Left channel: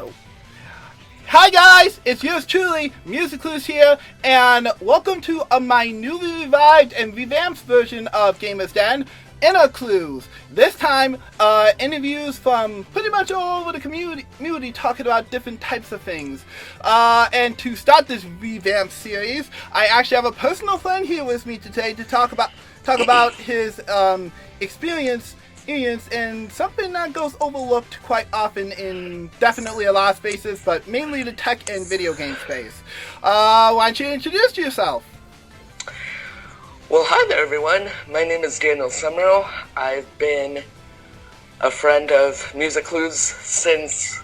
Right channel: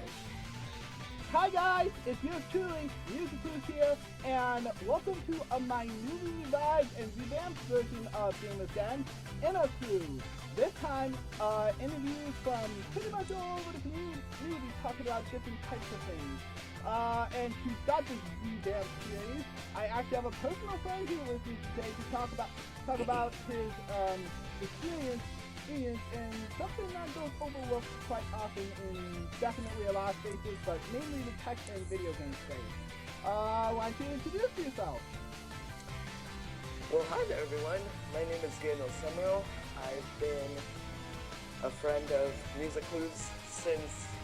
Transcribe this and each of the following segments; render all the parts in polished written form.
Oh. Hi guys, it's yours truly, InterviewClues here, and welcome to my newly revived and revamped version of Gamers Den, InterviewClues. This time, interviews from pretty much all over the community talking about different types of things. And to start this revamped series, I actually have a personal friend here with me today to talk about his experience in something that goes overlooked quite often in definitely a lot of spaces, but mainly the tech and video game space. Why don't you introduce yourself? Well, hi there, everyone. My name is Danel Semro. I've been a friend of InterviewClues since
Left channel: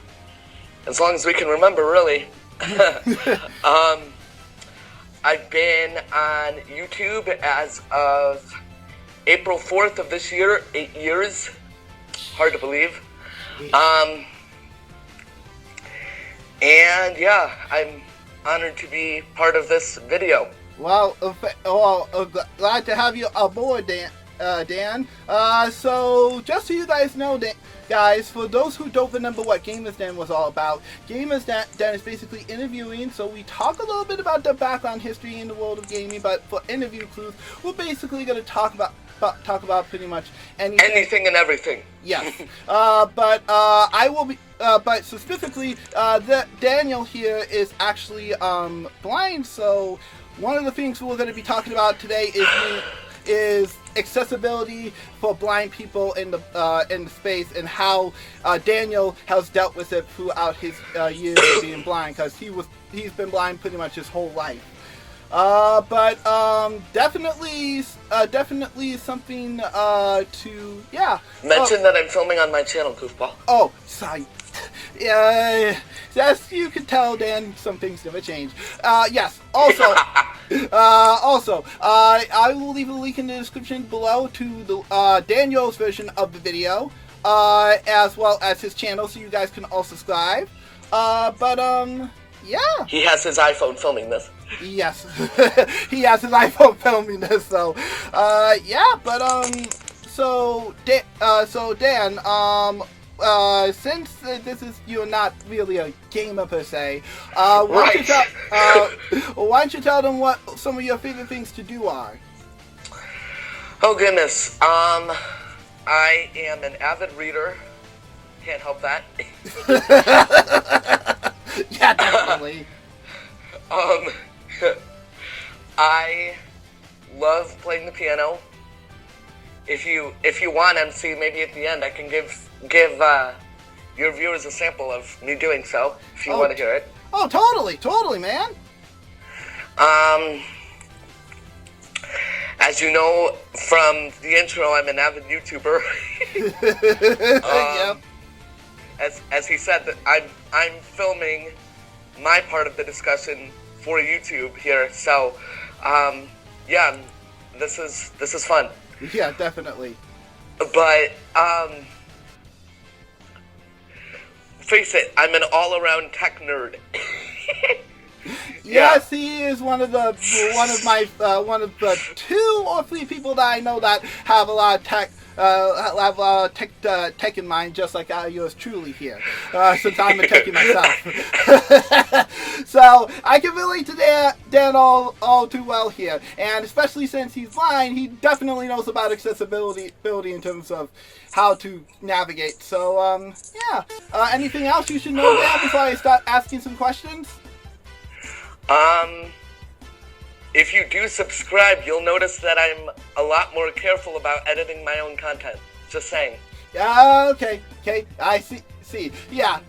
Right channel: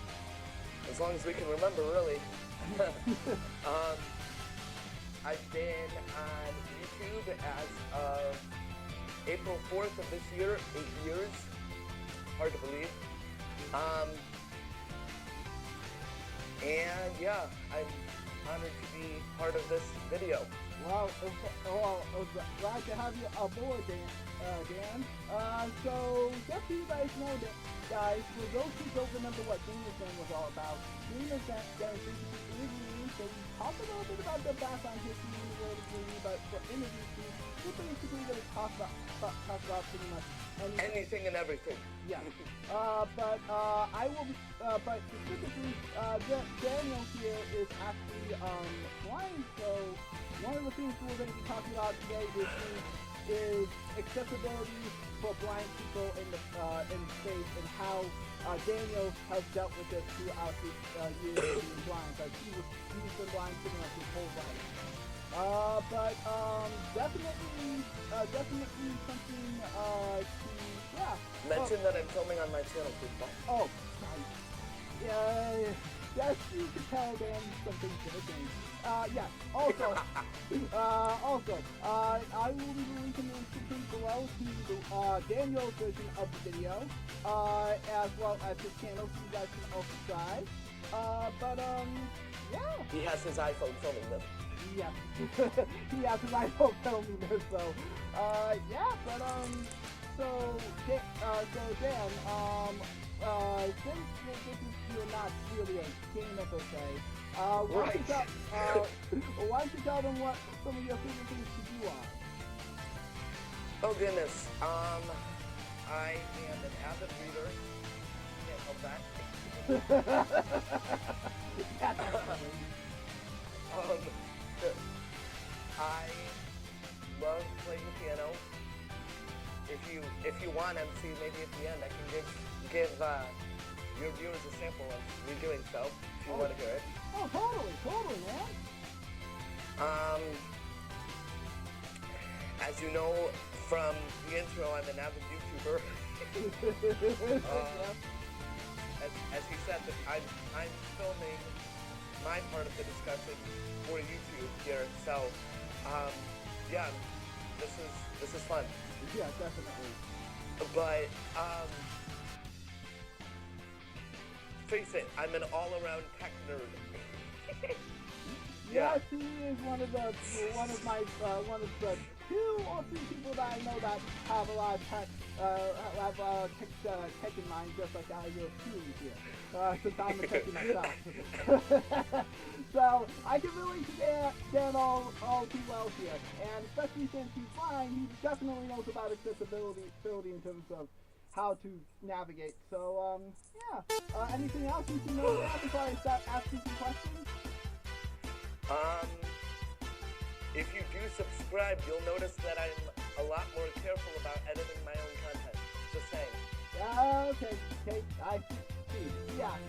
as long as we can remember, really. I've been on YouTube as of April 4th of this year, 8 years. Hard to believe. And yeah, I'm honored to be part of this video. Well, glad to have you aboard, Dan. So, just so you guys know, guys, for those who don't remember what Gamers Den was all about, Gamers Den is basically interviewing, so we talk a little bit about the background history in the world of gaming, but for InterviewClues, we're basically going to talk about pretty much anything and everything. Yes. But I will be, but specifically, Daniel here is actually blind, so one of the things we're going to be talking about today is accessibility for blind people in the space, and how Daniel has dealt with it throughout his years of being blind, because he's been blind pretty much his whole life. But definitely something to mention that I'm filming on my channel, Goofball. Oh, sorry. Yes, you can tell, Dan, some things never change. Yes. Also, I will leave a link in the description below to the Daniel's version of the video, as well as his channel, so you guys can all subscribe. Yeah. He has his iPhone filming this. Yes, he has his iPhone filming this. So, so Dan, since you're not really a gamer per se, why don't you tell them what some of your favorite things to do are? Oh goodness, I am an avid reader. Can't help that. Yeah, definitely. I love playing the piano. If you want, MC, maybe at the end I can give your viewers a sample of me doing so, if you want to hear it. Oh, totally, man. As you know from the intro, I'm an avid YouTuber. Yep. As he said, that I'm filming my part of the discussion for YouTube here, so yeah, this is fun. Yeah, definitely. But face it, I'm an all-around tech nerd. Yes, he is one of the two or three people that I know that have a lot of tech. Tech in mind, just like yours truly here, since I'm a techie myself. So I can relate to Dan all too well here, and especially since he's blind, he definitely knows about accessibility in terms of how to navigate. So yeah. Anything else you should know, Dan, before I start asking some questions? If you do subscribe, you'll notice that I'm a lot more careful about editing my own content. Just saying. Okay, I see. Yeah,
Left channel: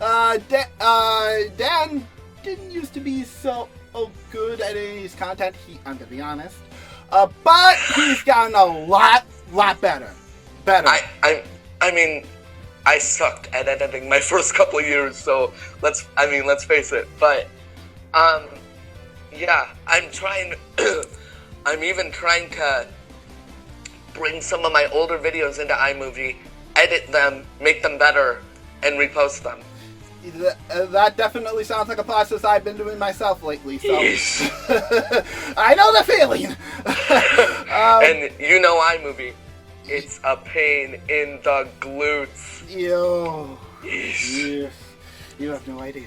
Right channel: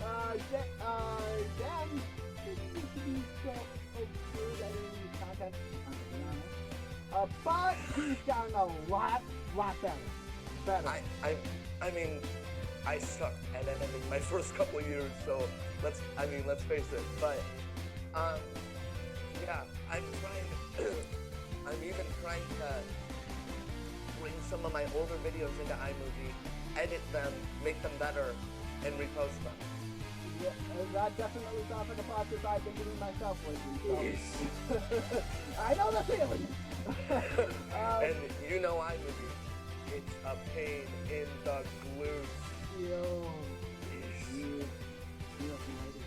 Dan didn't used to be so good at editing his content, I'm gonna be honest. But he's gotten a lot better. I mean, I sucked at editing my first couple of years, so let's face it. But, yeah, I'm even trying to bring some of my older videos into iMovie, edit them, make them better, and repost them. That definitely sounds like a process I've been doing myself lately, so I know the feeling. And you know iMovie, it's a pain in the glutes. Yo. Yes. You have no idea.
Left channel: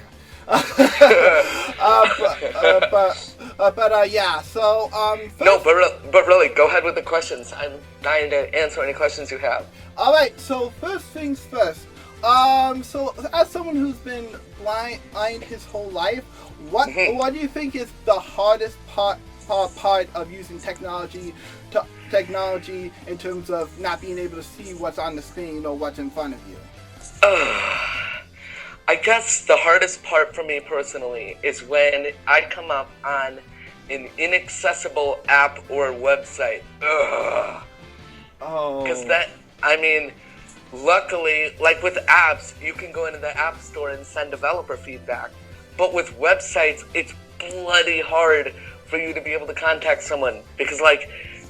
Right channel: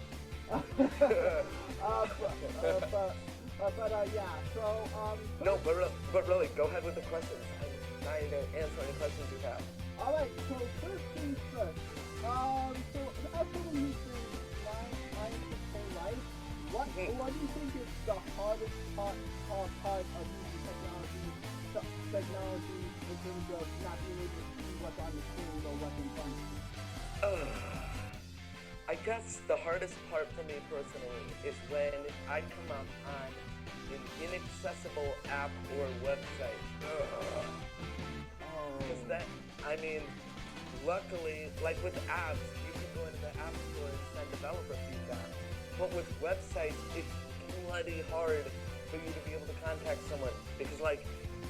Yeah. So No, but really, go ahead with the questions. I'm dying to answer any questions you have. All right. So first things first. So as someone who's been blind his whole life, what do you think is the hardest part of using technology in terms of not being able to see what's on the screen or what's in front of you? I guess the hardest part for me personally is when I come up on an inaccessible app or website. Ugh. Oh. Because luckily, like with apps, you can go into the App Store and send developer feedback. But with websites, it's bloody hard for you to be able to contact someone. Because, like,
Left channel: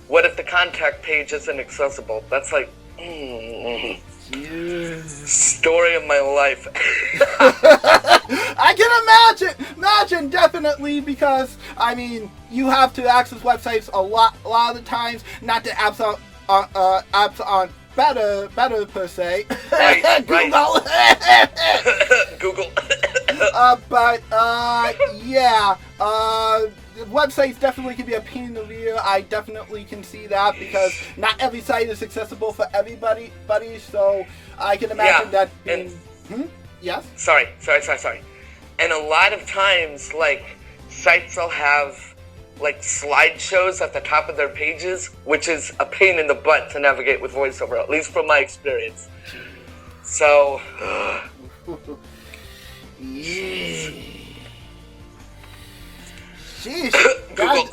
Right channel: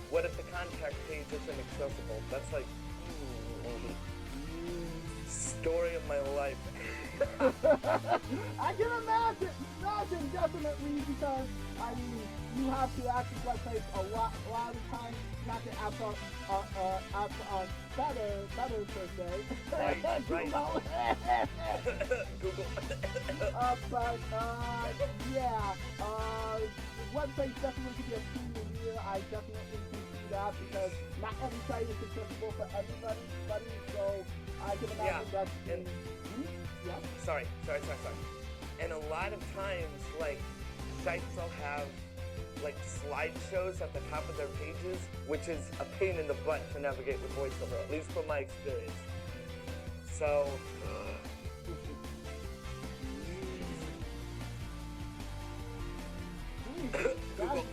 what if the contact page isn't accessible? That's like, story of my life. I can imagine definitely, because you have to access websites a lot of the times. Not that apps aren't better per se. Right. Google. Google. Yeah. Websites definitely can be a pain in the rear. I definitely can see that, because not every site is accessible for everybody. So I can imagine that. Yes. Sorry. And a lot of times, like, sites will have like slideshows at the top of their pages, which is a pain in the butt to navigate with VoiceOver, at least from my experience. So. Jeez. Google.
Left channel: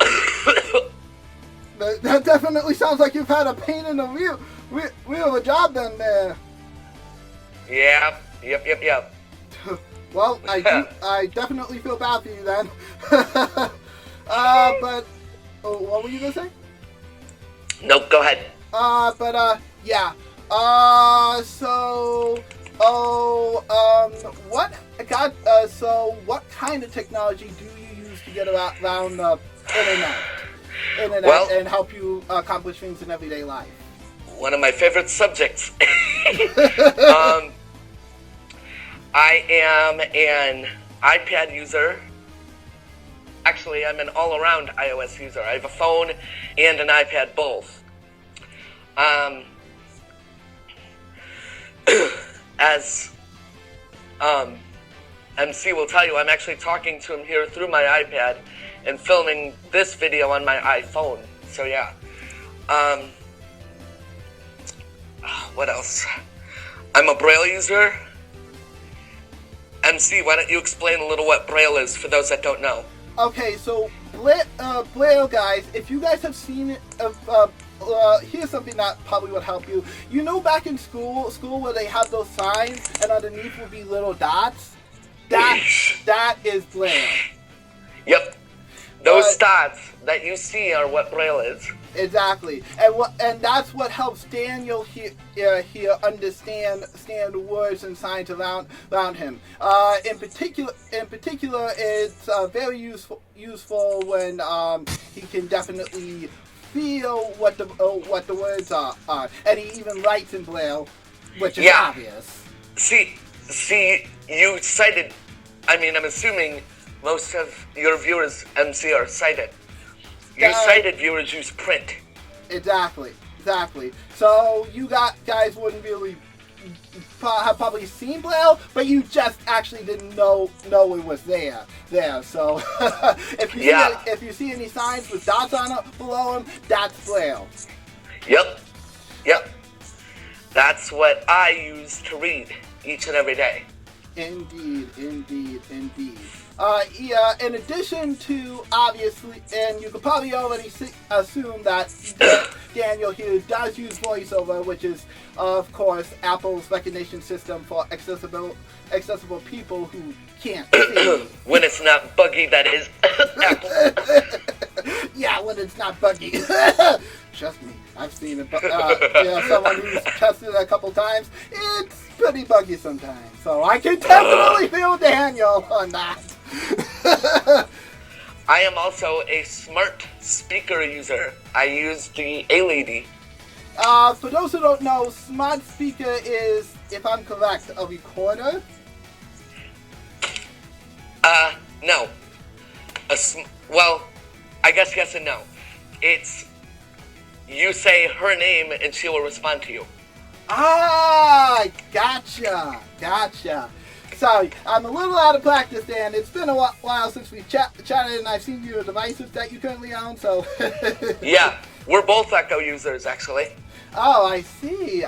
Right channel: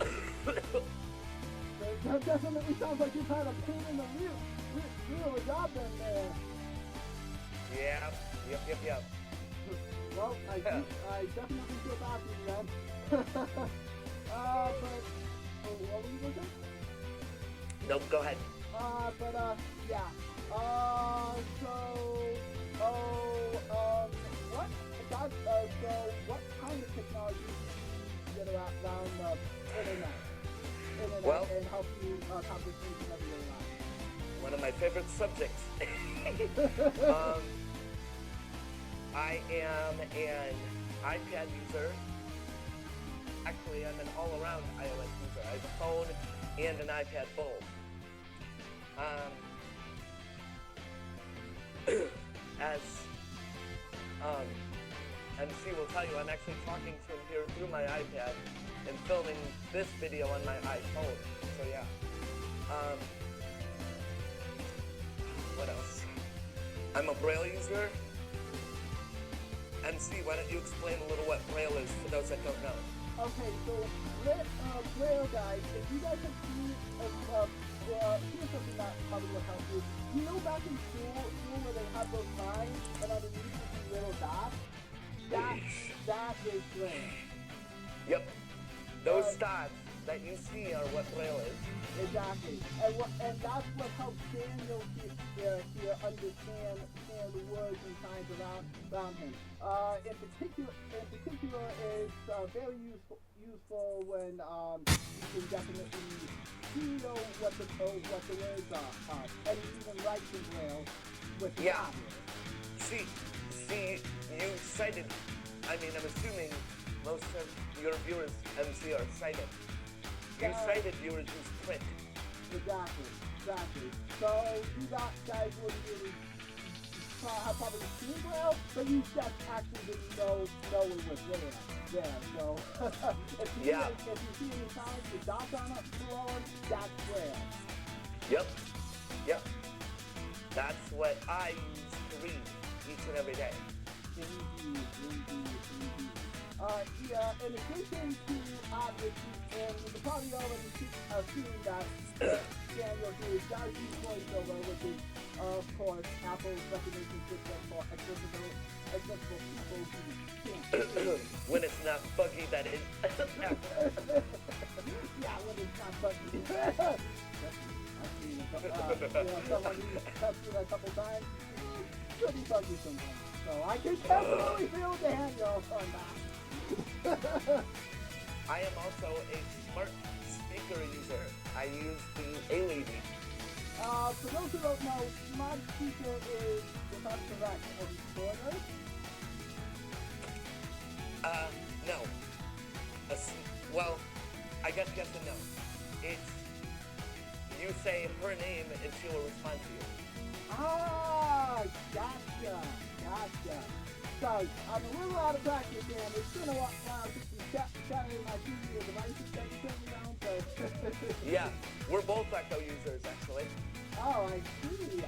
That definitely sounds like you've had a pain in the wheel of a job then there. Yeah. Yep. Well, I definitely feel bad for you then. But what were you gonna say? No, go ahead. Yeah. What kind of technology do you use to get around the internet and help you accomplish things in everyday life? One of my favorite subjects. I am an iPad user. Actually, I'm an all-around iOS user. I have a phone and an iPad both. As MC will tell you, I'm actually talking to him here through my iPad and filming this video on my iPhone. So yeah. What else? I'm a Braille user. MC, why don't you explain a little what Braille is for those that don't know? Okay, so Braille, guys, if you guys have seen it, here's something that probably would help you. You know, back in school where they have those signs and underneath will be little dots? That is Braille. Yep. Those dots that you see are what Braille is. Exactly, and that's what helps Daniel here understand words and signs around him. In particular, it's very useful when he can definitely feel what the words are, and he even writes in Braille, which is obvious. See, you cited. I'm assuming most of your viewers, MC, are sighted. You sighted viewers use print. Exactly. So you guys wouldn't really have probably seen Braille, but you just actually didn't know it was there. So if you see any signs with dots on it below them, that's Braille. Yep. That's what I use to read each and every day. Indeed. In addition to, obviously, and you could probably already assume that Daniel here does use VoiceOver, which is, of course, Apple's recognition system for accessible people who can't see. When it's not buggy, that is. Apple. Yeah, when it's not buggy. Trust me, I've seen it. Someone who's tested it a couple times. It's pretty buggy sometimes. So I can definitely feel Daniel on that. I am also a smart speaker user. I use the A-Lady. For those who don't know, smart speaker is, if I'm correct, a recorder. No. Well, I guess yes and no. It's, you say her name and she will respond to you. Ah, gotcha. Sorry, I'm a little out of practice, Dan. It's been a while since we chatted, and I've seen your devices that you currently own, so... Yeah, we're both Echo users, actually. Oh, I see.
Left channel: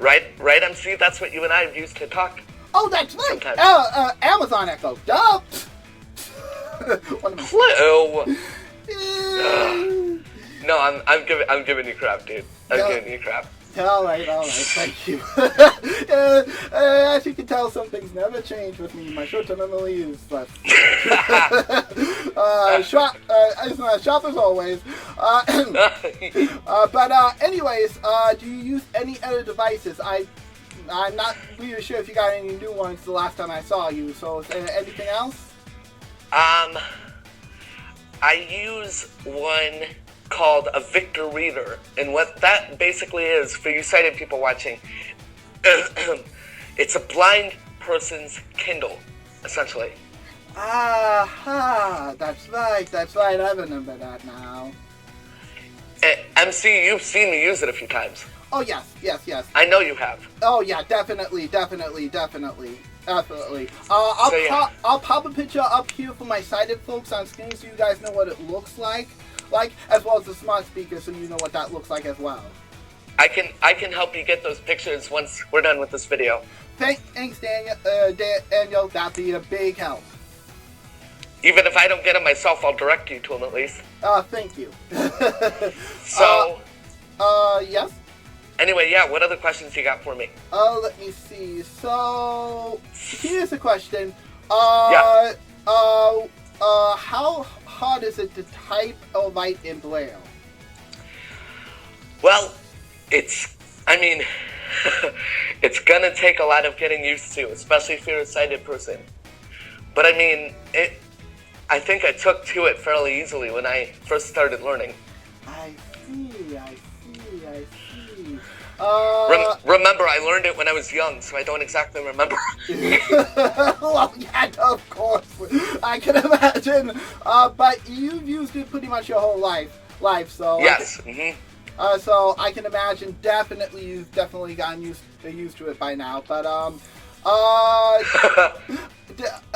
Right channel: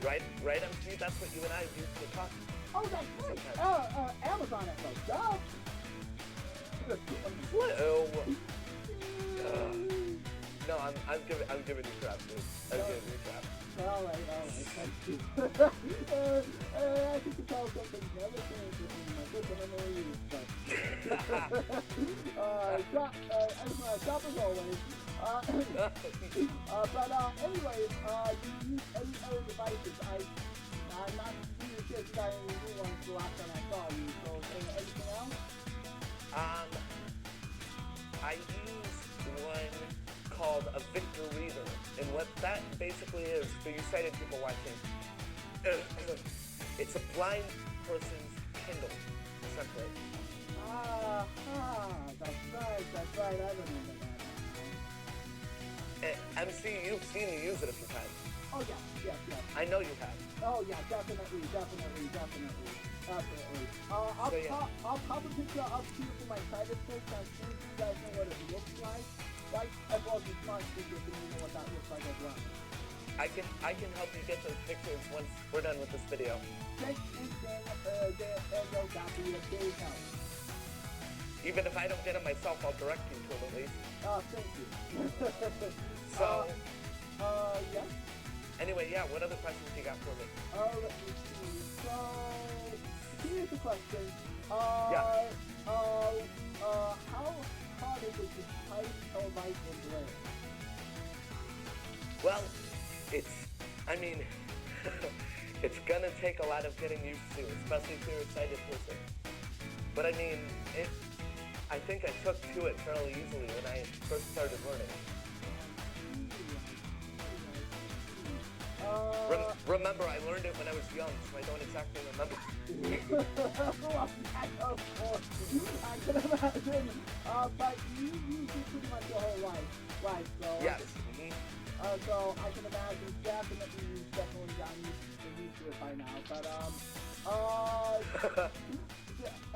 Right, MC? That's what you and I have used to talk. Oh, that's right. Amazon Echo. Duh. Clue. No, I'm giving you crap, dude. I'm giving you crap. All right, thank you. As you can tell, some things never change with me. My shirts are normally used, but shop as always. But anyways, do you use any other devices? I'm not really sure if you got any new ones the last time I saw you. So, is there anything else? I use one called a Victor Reader, and what that basically is, for you sighted people watching, it's a blind person's Kindle, essentially. That's right, I remember that now. MC, you've seen me use it a few times. Oh, yes. I know you have. Oh, yeah, definitely. I'll pop a picture up here for my sighted folks on screen so you guys know what it looks like, as well as the smart speaker, so you know what that looks like as well. I can help you get those pictures once we're done with this video. Thanks, Daniel. That'd be a big help. Even if I don't get them myself, I'll direct you to them at least. Thank you. So. Yes. Anyway, yeah. What other questions you got for me? Let me see. So here's a question. Yeah. How hard is it to type or write in Braille? Well, it's gonna take a lot of getting used to, especially if you're a sighted person. But I think I took to it fairly easily when I first started learning. I see. Remember, I learned it when I was young, so I don't exactly remember. Well, yeah, of course. I can imagine. But you've used it pretty much your whole life, so... Yes. So I can imagine you've definitely gotten used to it by now. But,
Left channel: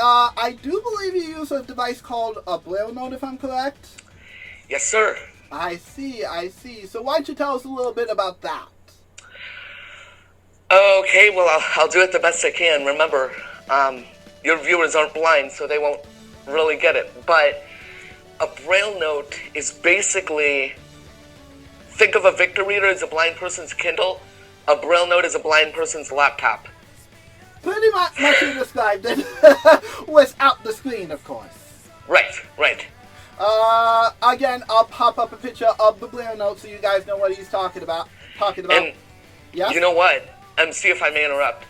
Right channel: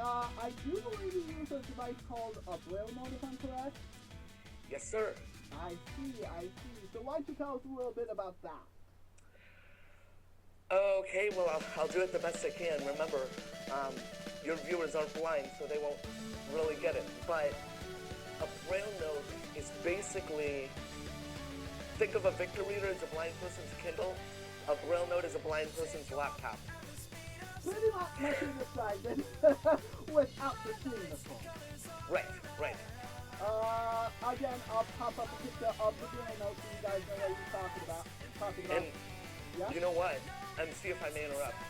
I do believe you use a device called a Braille Note, if I'm correct? Yes, sir. I see. So why don't you tell us a little bit about that? Okay, well, I'll do it the best I can. Remember, your viewers aren't blind, so they won't really get it. But a Braille Note is basically, think of a Victor Reader as a blind person's Kindle. A Braille Note is a blind person's laptop. Pretty much you described it, without the screen, of course. Right. Again, I'll pop up a picture of the Braille Note so you guys know what he's talking about. And yes? You know what? See if I may interrupt.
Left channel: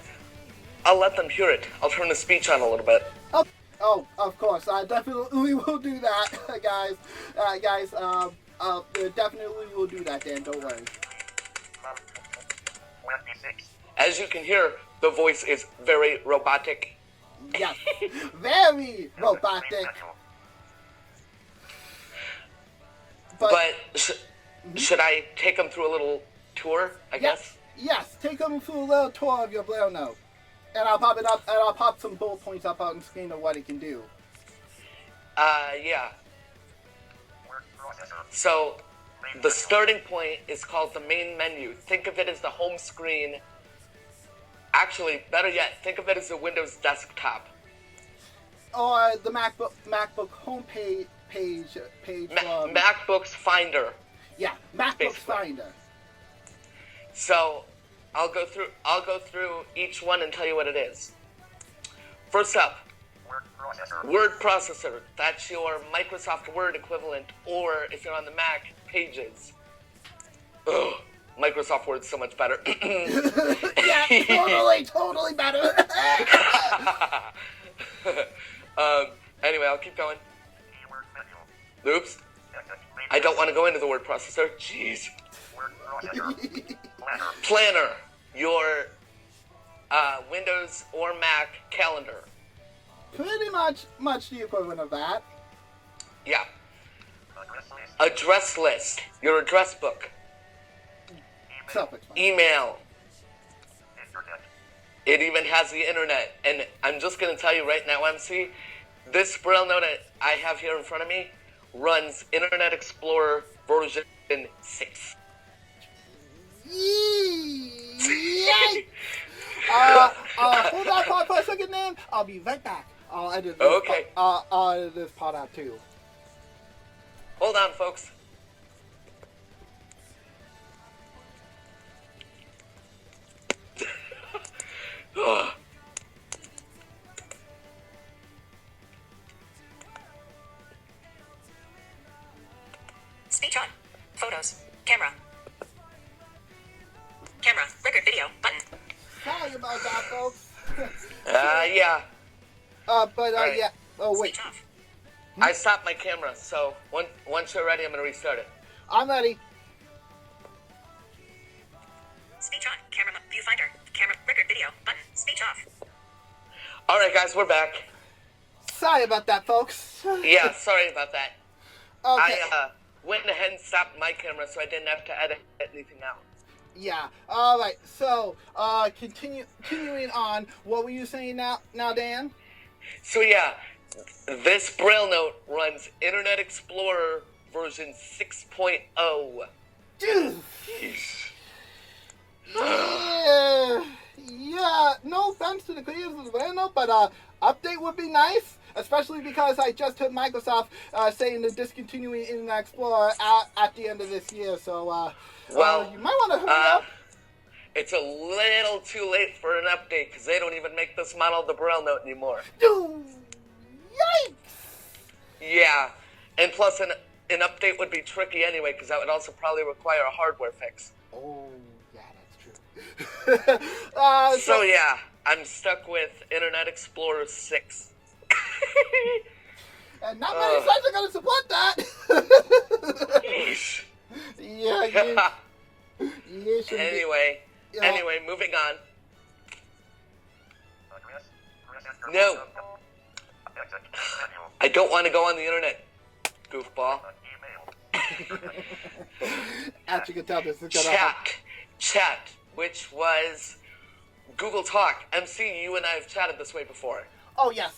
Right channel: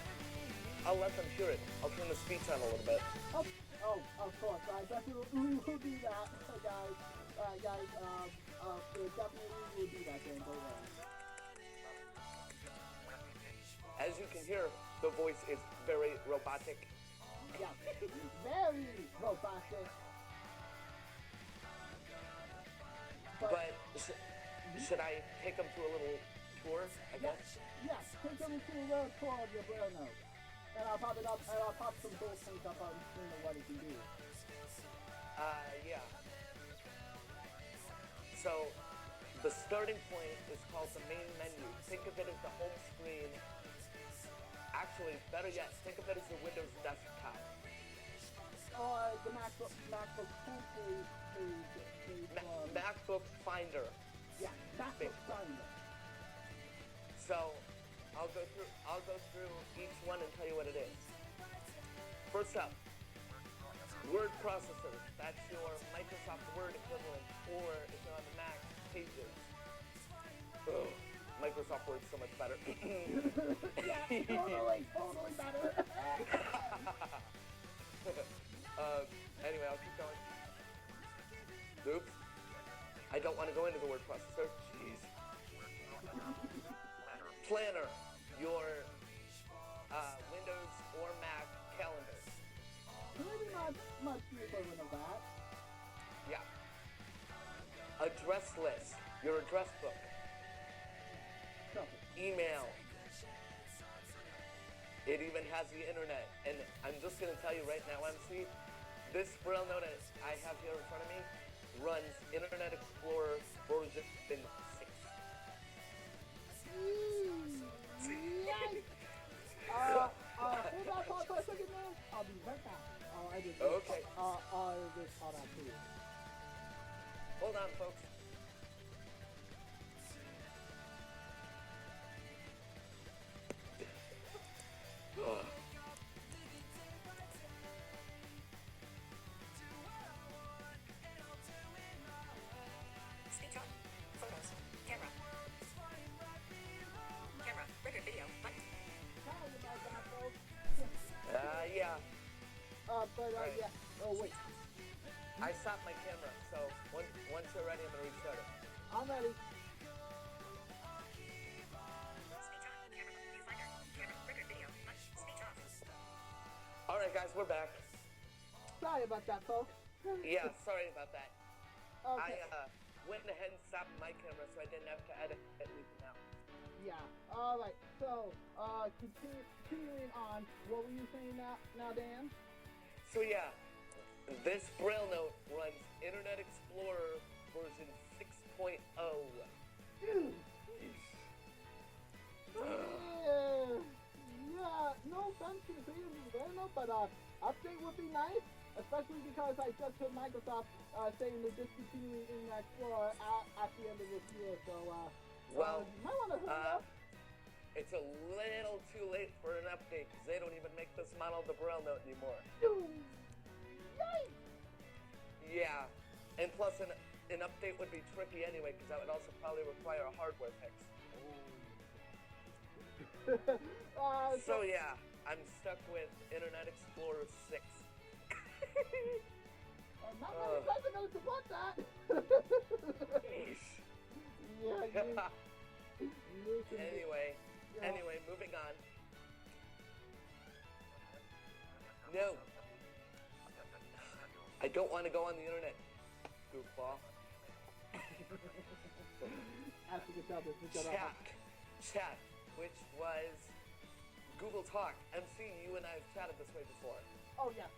I'll let them hear it. I'll turn the speech on a little bit. Oh, of course. I definitely will do that, guys. Definitely will do that, Dan. Don't worry. As you can hear, the voice is very robotic. Yes, very robotic. But should I take them through a little tour, I guess? Yes, take them through a little tour of your Braille Note. And I'll pop it up, and I'll pop some bullet points up on the screen of what it can do. Yeah. So, the starting point is called the main menu. Think of it as the home screen. Actually, better yet, think of it as the Windows desktop. Or the MacBook home page. MacBook's Finder. Yeah, MacBook's Finder. So, I'll go through each one and tell you what it is. First up, Word Processor. That's your Microsoft Word equivalent, or if you're on the Mac, Pages. Ugh, Microsoft Word's so much better. Yeah, totally better. Anyway, I'll keep going. Oops. I don't want to go into the word processor. Jeez. Planner. Your Windows or Mac calendar. pretty much the equivalent of that. Yeah. Address list. Your address book. Self-explanatory. Email. It even has the internet. And I'm just going to tell you right now, MC, this Braille note I have here in front of me runs Internet Explorer version 6. Yay! Hold that part for a second, man. I'll be right back. I'll edit this. Okay. I'll edit this part out too. Hold on, folks. Speech on. Photos. Camera. Camera. Record video. Button. Sorry about that, folks. Yeah. But Alright. yeah. Oh wait, Speech off. I stopped my camera, so once you're ready, I'm going to restart it. I'm ready. Speech on. Camera. Viewfinder. Camera. Record video. Button. Speech off. All right, guys, we're back. Sorry about that, folks. Yeah, sorry about that. Okay. I went ahead and stopped my camera, so I didn't have to edit anything out. Yeah. All right. So, continuing on. What were you saying now, Dan? So yeah, this Braille note runs Internet Explorer version 6.0. Dude. Yeah. No offense to the creators of the Braille note, but update would be nice. Especially because I just heard Microsoft saying they're discontinuing Internet Explorer at the end of this year. So, Well, you might want to hurry up. It's a little too late for an update because they don't even make this model of the Braille note anymore. Dude, yikes! Yeah, and plus an update would be tricky anyway because that would also probably require a hardware fix. Oh, yeah, that's true. So yeah, I'm stuck with Internet Explorer 6. And not many sites are going to support that. Yeesh. Yeah, you should Anyway, moving on. No. I don't want to go on the internet, goofball. As you can tell, this is going to happen. Chat, which was Google Talk. MC, you and I have chatted this way before. Oh, yes.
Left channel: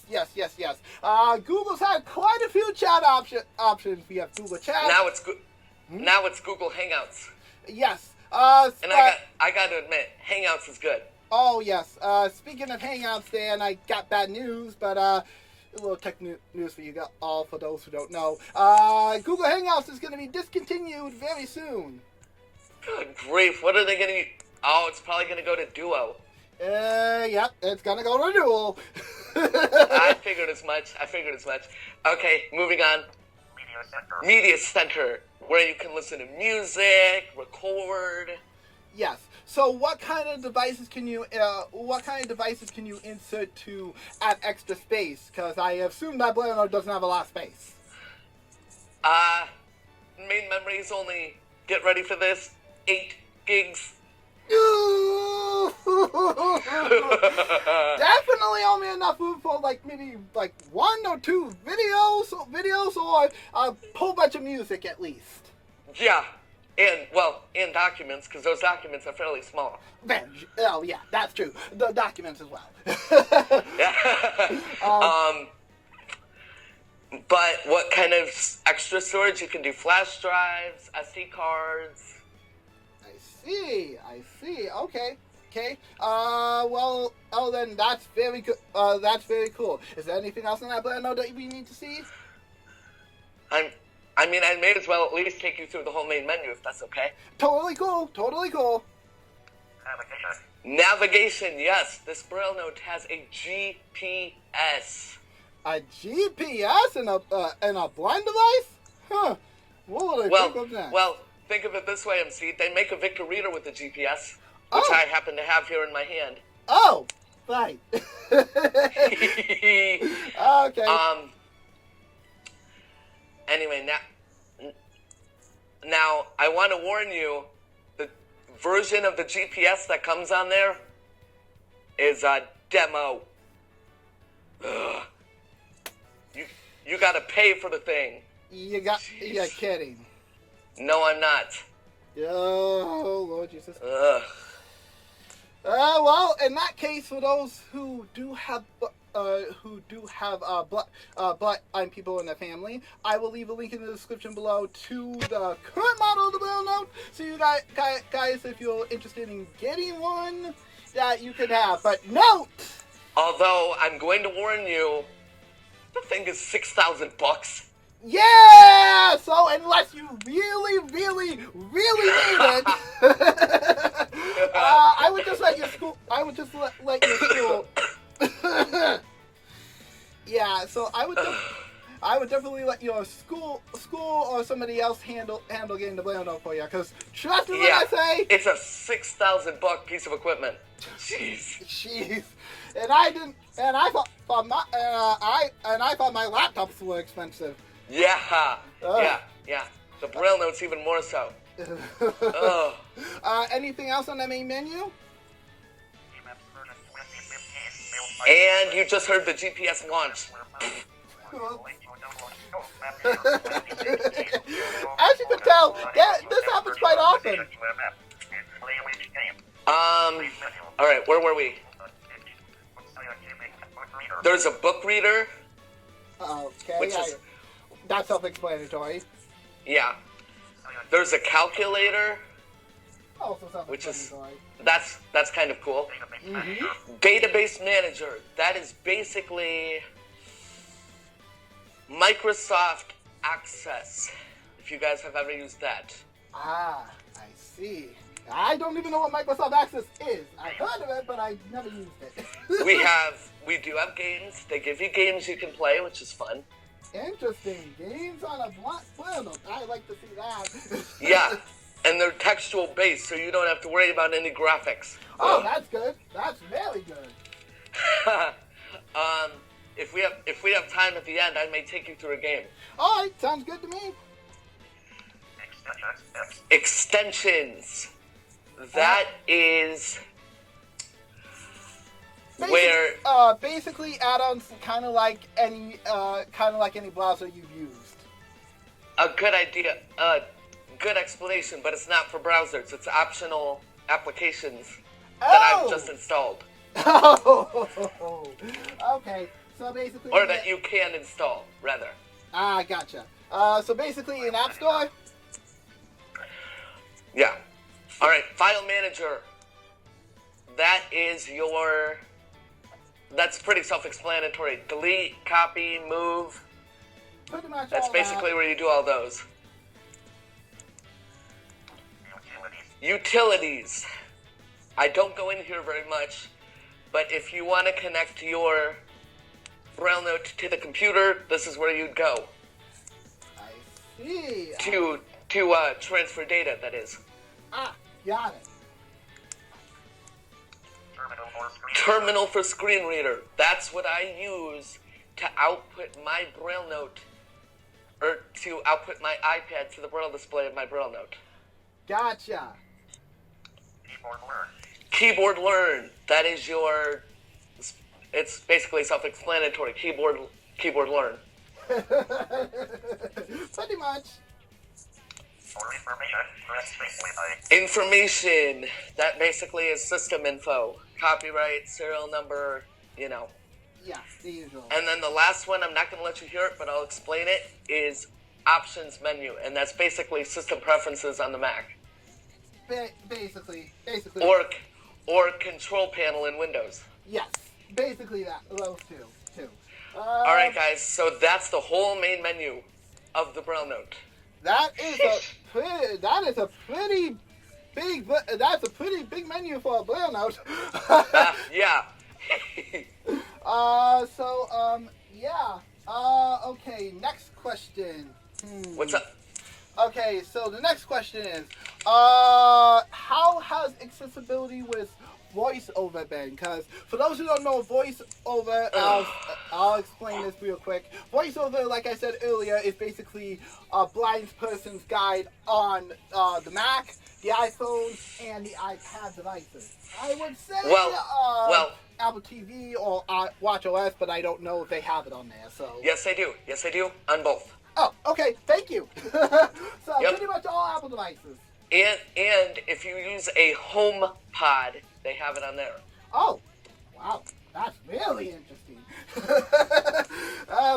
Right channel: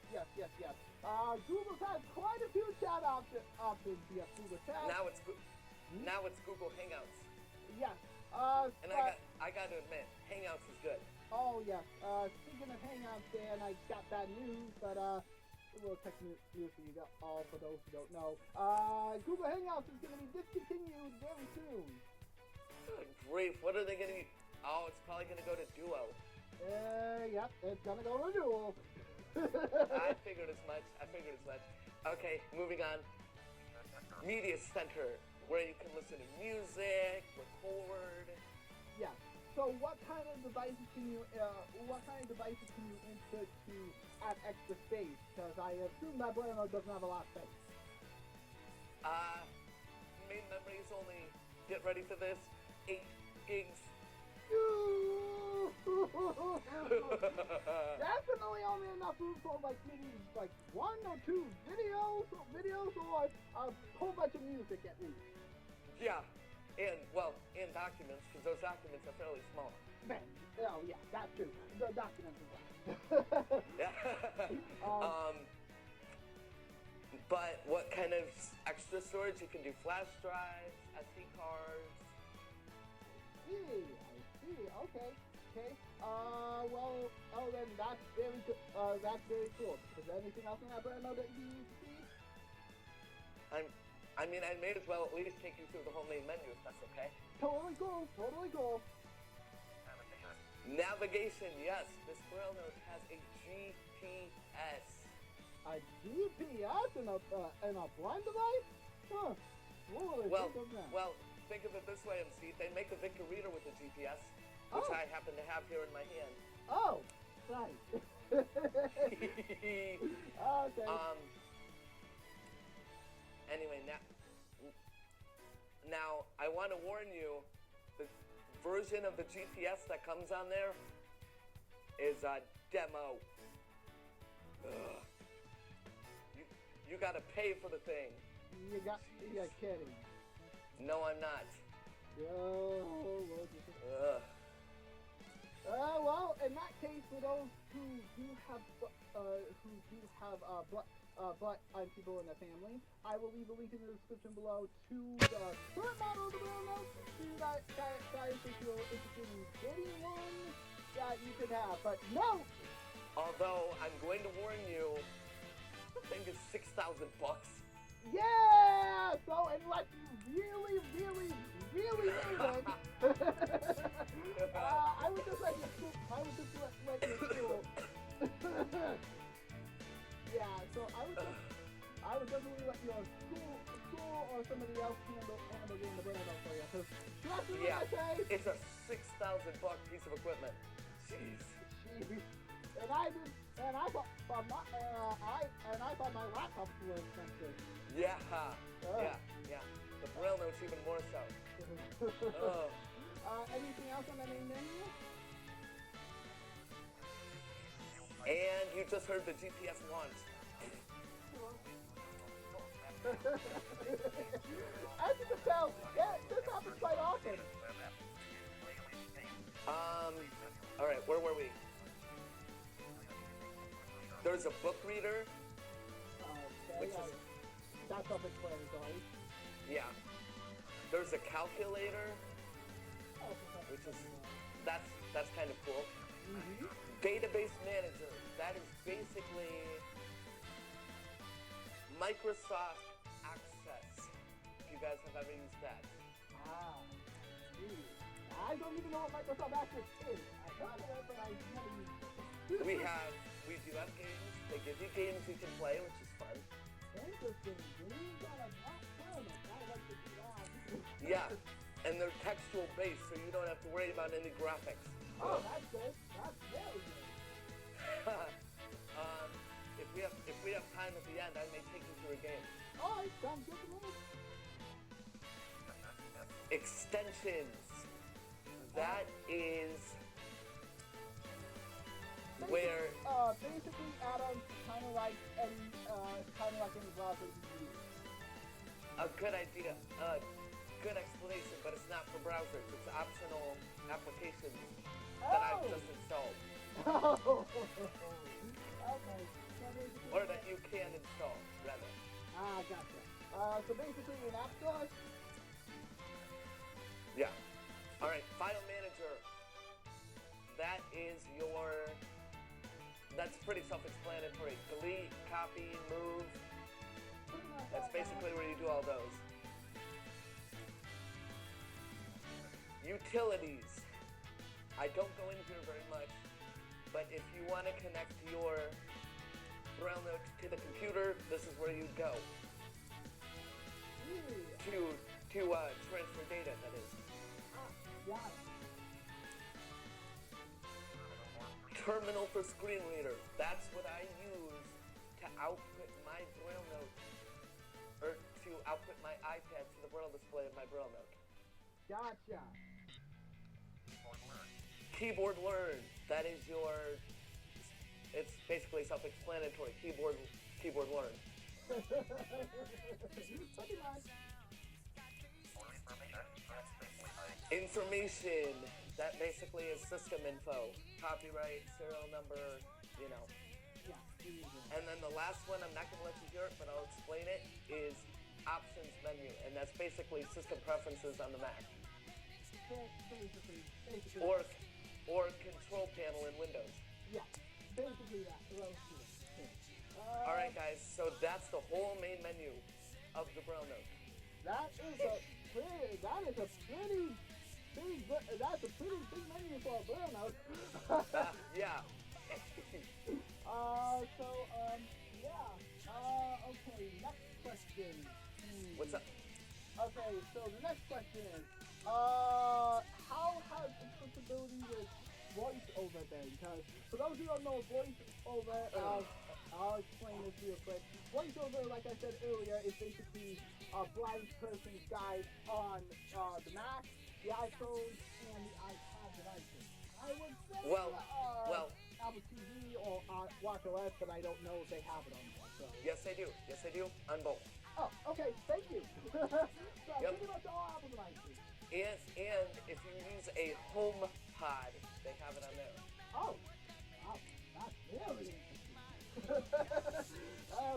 Google's had quite a few chat options. We have Google Chat. Now it's Google Hangouts. Yes. And I got to admit, Hangouts is good. Oh, yes. Speaking of Hangouts, Dan, I got bad news, but a little tech news for you all, for those who don't know. Google Hangouts is going to be discontinued very soon. Good grief, what are they going to... Oh, it's probably going to go to Duo. Yep, it's going to go to Dual. I figured as much. Okay, moving on. Media Center, where you can listen to music, record. Yes. So, what kind of devices can you insert to add extra space? Because I assume that Blender doesn't have a lot of space. Main memory is only, get ready for this, 8 gigs. Definitely only enough room for maybe 1 or 2 videos or a whole bunch of music at least. Yeah, and documents, because those documents are fairly small. Oh yeah, that's true. The documents as well. But what kind of extra storage? You can do flash drives, SD cards. I see. Okay. Then that's very good. That's very cool. Is there anything else in that Blender that we need to see? I may as well at least take you through the whole main menu if that's okay. Totally cool. Navigation, yes. This Braille note has a GPS. A GPS in a blind device? Huh. What would I think of that? Well, think of it this way, MC. They make a Victor Reader with the GPS, which I happen to have here in my hand. Oh, right. Okay. Anyway, now I want to warn you, the version of the GPS that comes on there is a demo. Ugh. You gotta pay for the thing. You're kidding. No, I'm not. Oh, Lord Jesus. Ugh. Well, in that case, for those who do have blind people in their family, I will leave a link in the description below to the current model of the Braille Note. So you guys, if you're interested in getting one, that you can have. But note! Although, I'm going to warn you, the thing is $6,000. Yeah! So unless you really need it, I would just let your school. Let your school. Yeah. So I would definitely let your school or somebody else handle getting the Braille Note for you. Because trust me when I say it's a $6,000 piece of equipment. Jeez. And I thought my laptops were expensive. Yeah. Yeah. The Braille Note's even more so. Anything else on the main menu? And you just heard the GPS launch. As you can tell, this happens quite often. Alright, where were we? There's a book reader. Okay, which is... That's self-explanatory. Yeah. There's a calculator. Also which is... self-explanatory. That's kind of cool. Mm-hmm. Database manager. That is basically Microsoft Access. If you guys have ever used that. I see. I don't even know what Microsoft Access is. I've heard of it, but I never used it. We do have games. They give you games you can play, which is fun. Interesting. Games on a Braille Note. I like to see that. Yeah, and they're textual based, so you don't have to worry about any graphics. Oh, that's good. That's very good. If we have time at the end, I may take you through a game. All right, sounds good to me. Extensions. That is where basically add-ons, kind of like any browser you've used. A good idea, good explanation, but it's not for browsers. It's optional applications that I've just installed. Oh, okay. So basically, or that you can install, rather. Ah, gotcha. So basically, an app store. Yeah. All right. File manager. That's pretty self-explanatory. Delete, copy, move. Pretty much. That's basically where you do all those. Utilities. I don't go in here very much, but if you want to connect your Braille Note to the computer, this is where you'd go. I see. To transfer data, that is. Ah, got it. Terminal for screen reader. That's what I use to output my Braille Note, or to output my iPad to the Braille display of my Braille Note. Gotcha. Keyboard learn. That is your... It's basically self-explanatory. Keyboard learn. Pretty much. Information. That basically is system info. Copyright, serial number, you know. Yeah, the usual. And then the last one, I'm not going to let you hear it, but I'll explain it, is options menu. And that's basically system preferences on the Mac. Basically. Or control panel in Windows. Yes, basically those two. All right, guys. So that's the whole main menu of the Braille Note. That's a pretty big menu for a Braille Note. Yeah. Okay. Next question. What's up? Okay, so the next question is, how has accessibility with voiceover been? Because for those who don't know voiceover, I'll explain this real quick. Voiceover, like I said earlier, is basically a blind person's guide on the Mac. the iPhone and the iPad devices. I would say Well, Apple TV or Watch OS, but I don't know if they have it on there. So yes, they do. Yes, they do. On both. oh, okay, thank you. So Yep. pretty much all Apple devices. And if you use a home pod, they have it on there. Oh, wow, that's really interesting.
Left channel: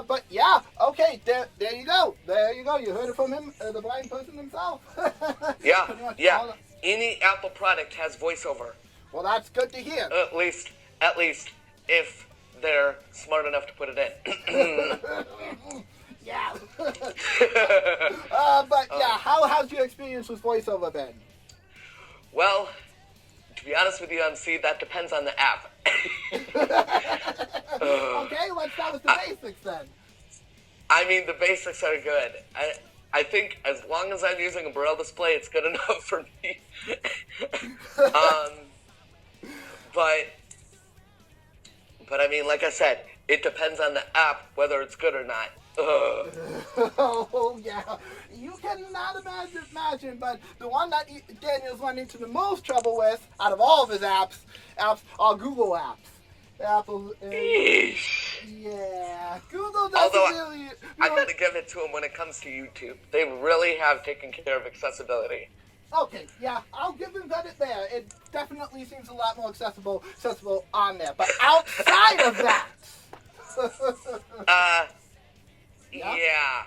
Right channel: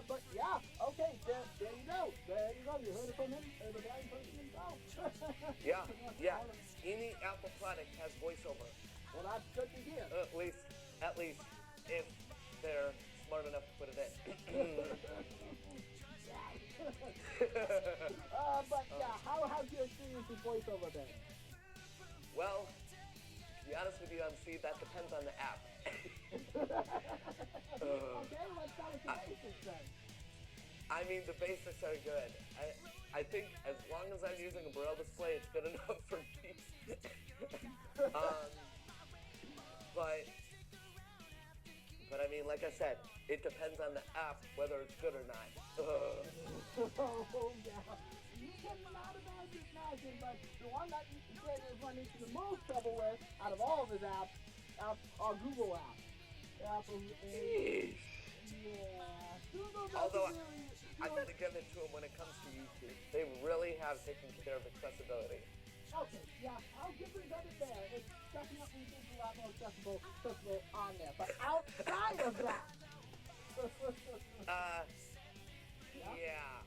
But yeah, okay, there you go. There you go. You heard it from him, the blind person himself. Yeah, Pretty much yeah. all- Any Apple product has voiceover. Well, that's good to hear. At least if they're smart enough to put it in. Yeah. But yeah, how has your experience with voiceover been? Well, to be honest with you, MC, that depends on the app. Okay, let's start with the basics then. I mean, the basics are good. I think as long as I'm using a Braille display, it's good enough for me. But I mean, like I said, it depends on the app whether it's good or not. Oh yeah, you cannot imagine, but the one that Daniel's run into the most trouble with out of all of his apps are Google apps. Apple, yeah, Google doesn't Although really. I gotta give it to them when it comes to YouTube. They really have taken care of accessibility. Okay, yeah, I'll give them credit there. It definitely seems a lot more accessible on there. But outside of that, Yeah.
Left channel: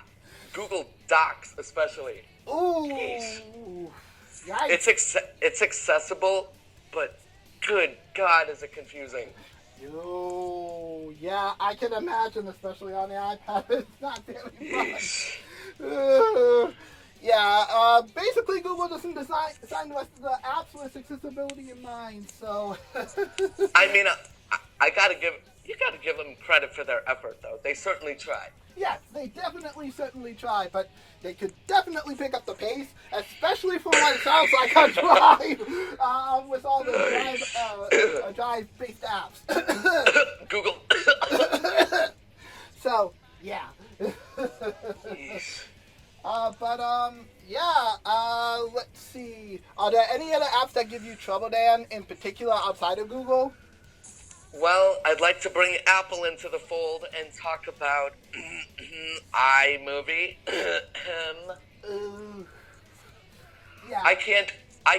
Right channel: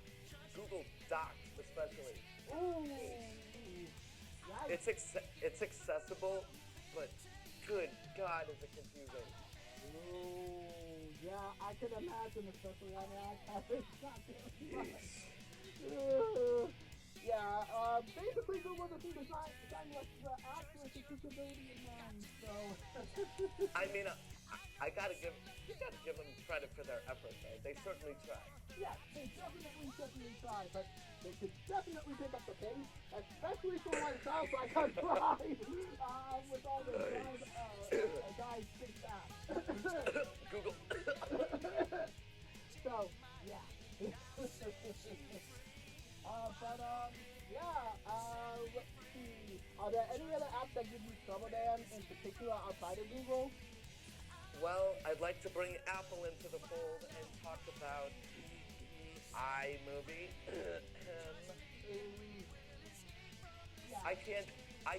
Google Docs especially. ooh, yikes. It's accessible, but good God, is it confusing. Oh, yeah, I can imagine, especially on the iPad. It's not very much. Basically, Google doesn't design the rest of the apps with accessibility in mind, so. I mean, you gotta give them credit for their effort, though. They certainly tried. Yes, they certainly try, but they could definitely pick up the pace, especially for what it sounds like on Drive, with all the Drive-based apps. Google. So, yeah. Let's see. Are there any other apps that give you trouble, Dan, in particular outside of Google? Well, I'd like to bring Apple into the fold and talk about iMovie. Yeah. I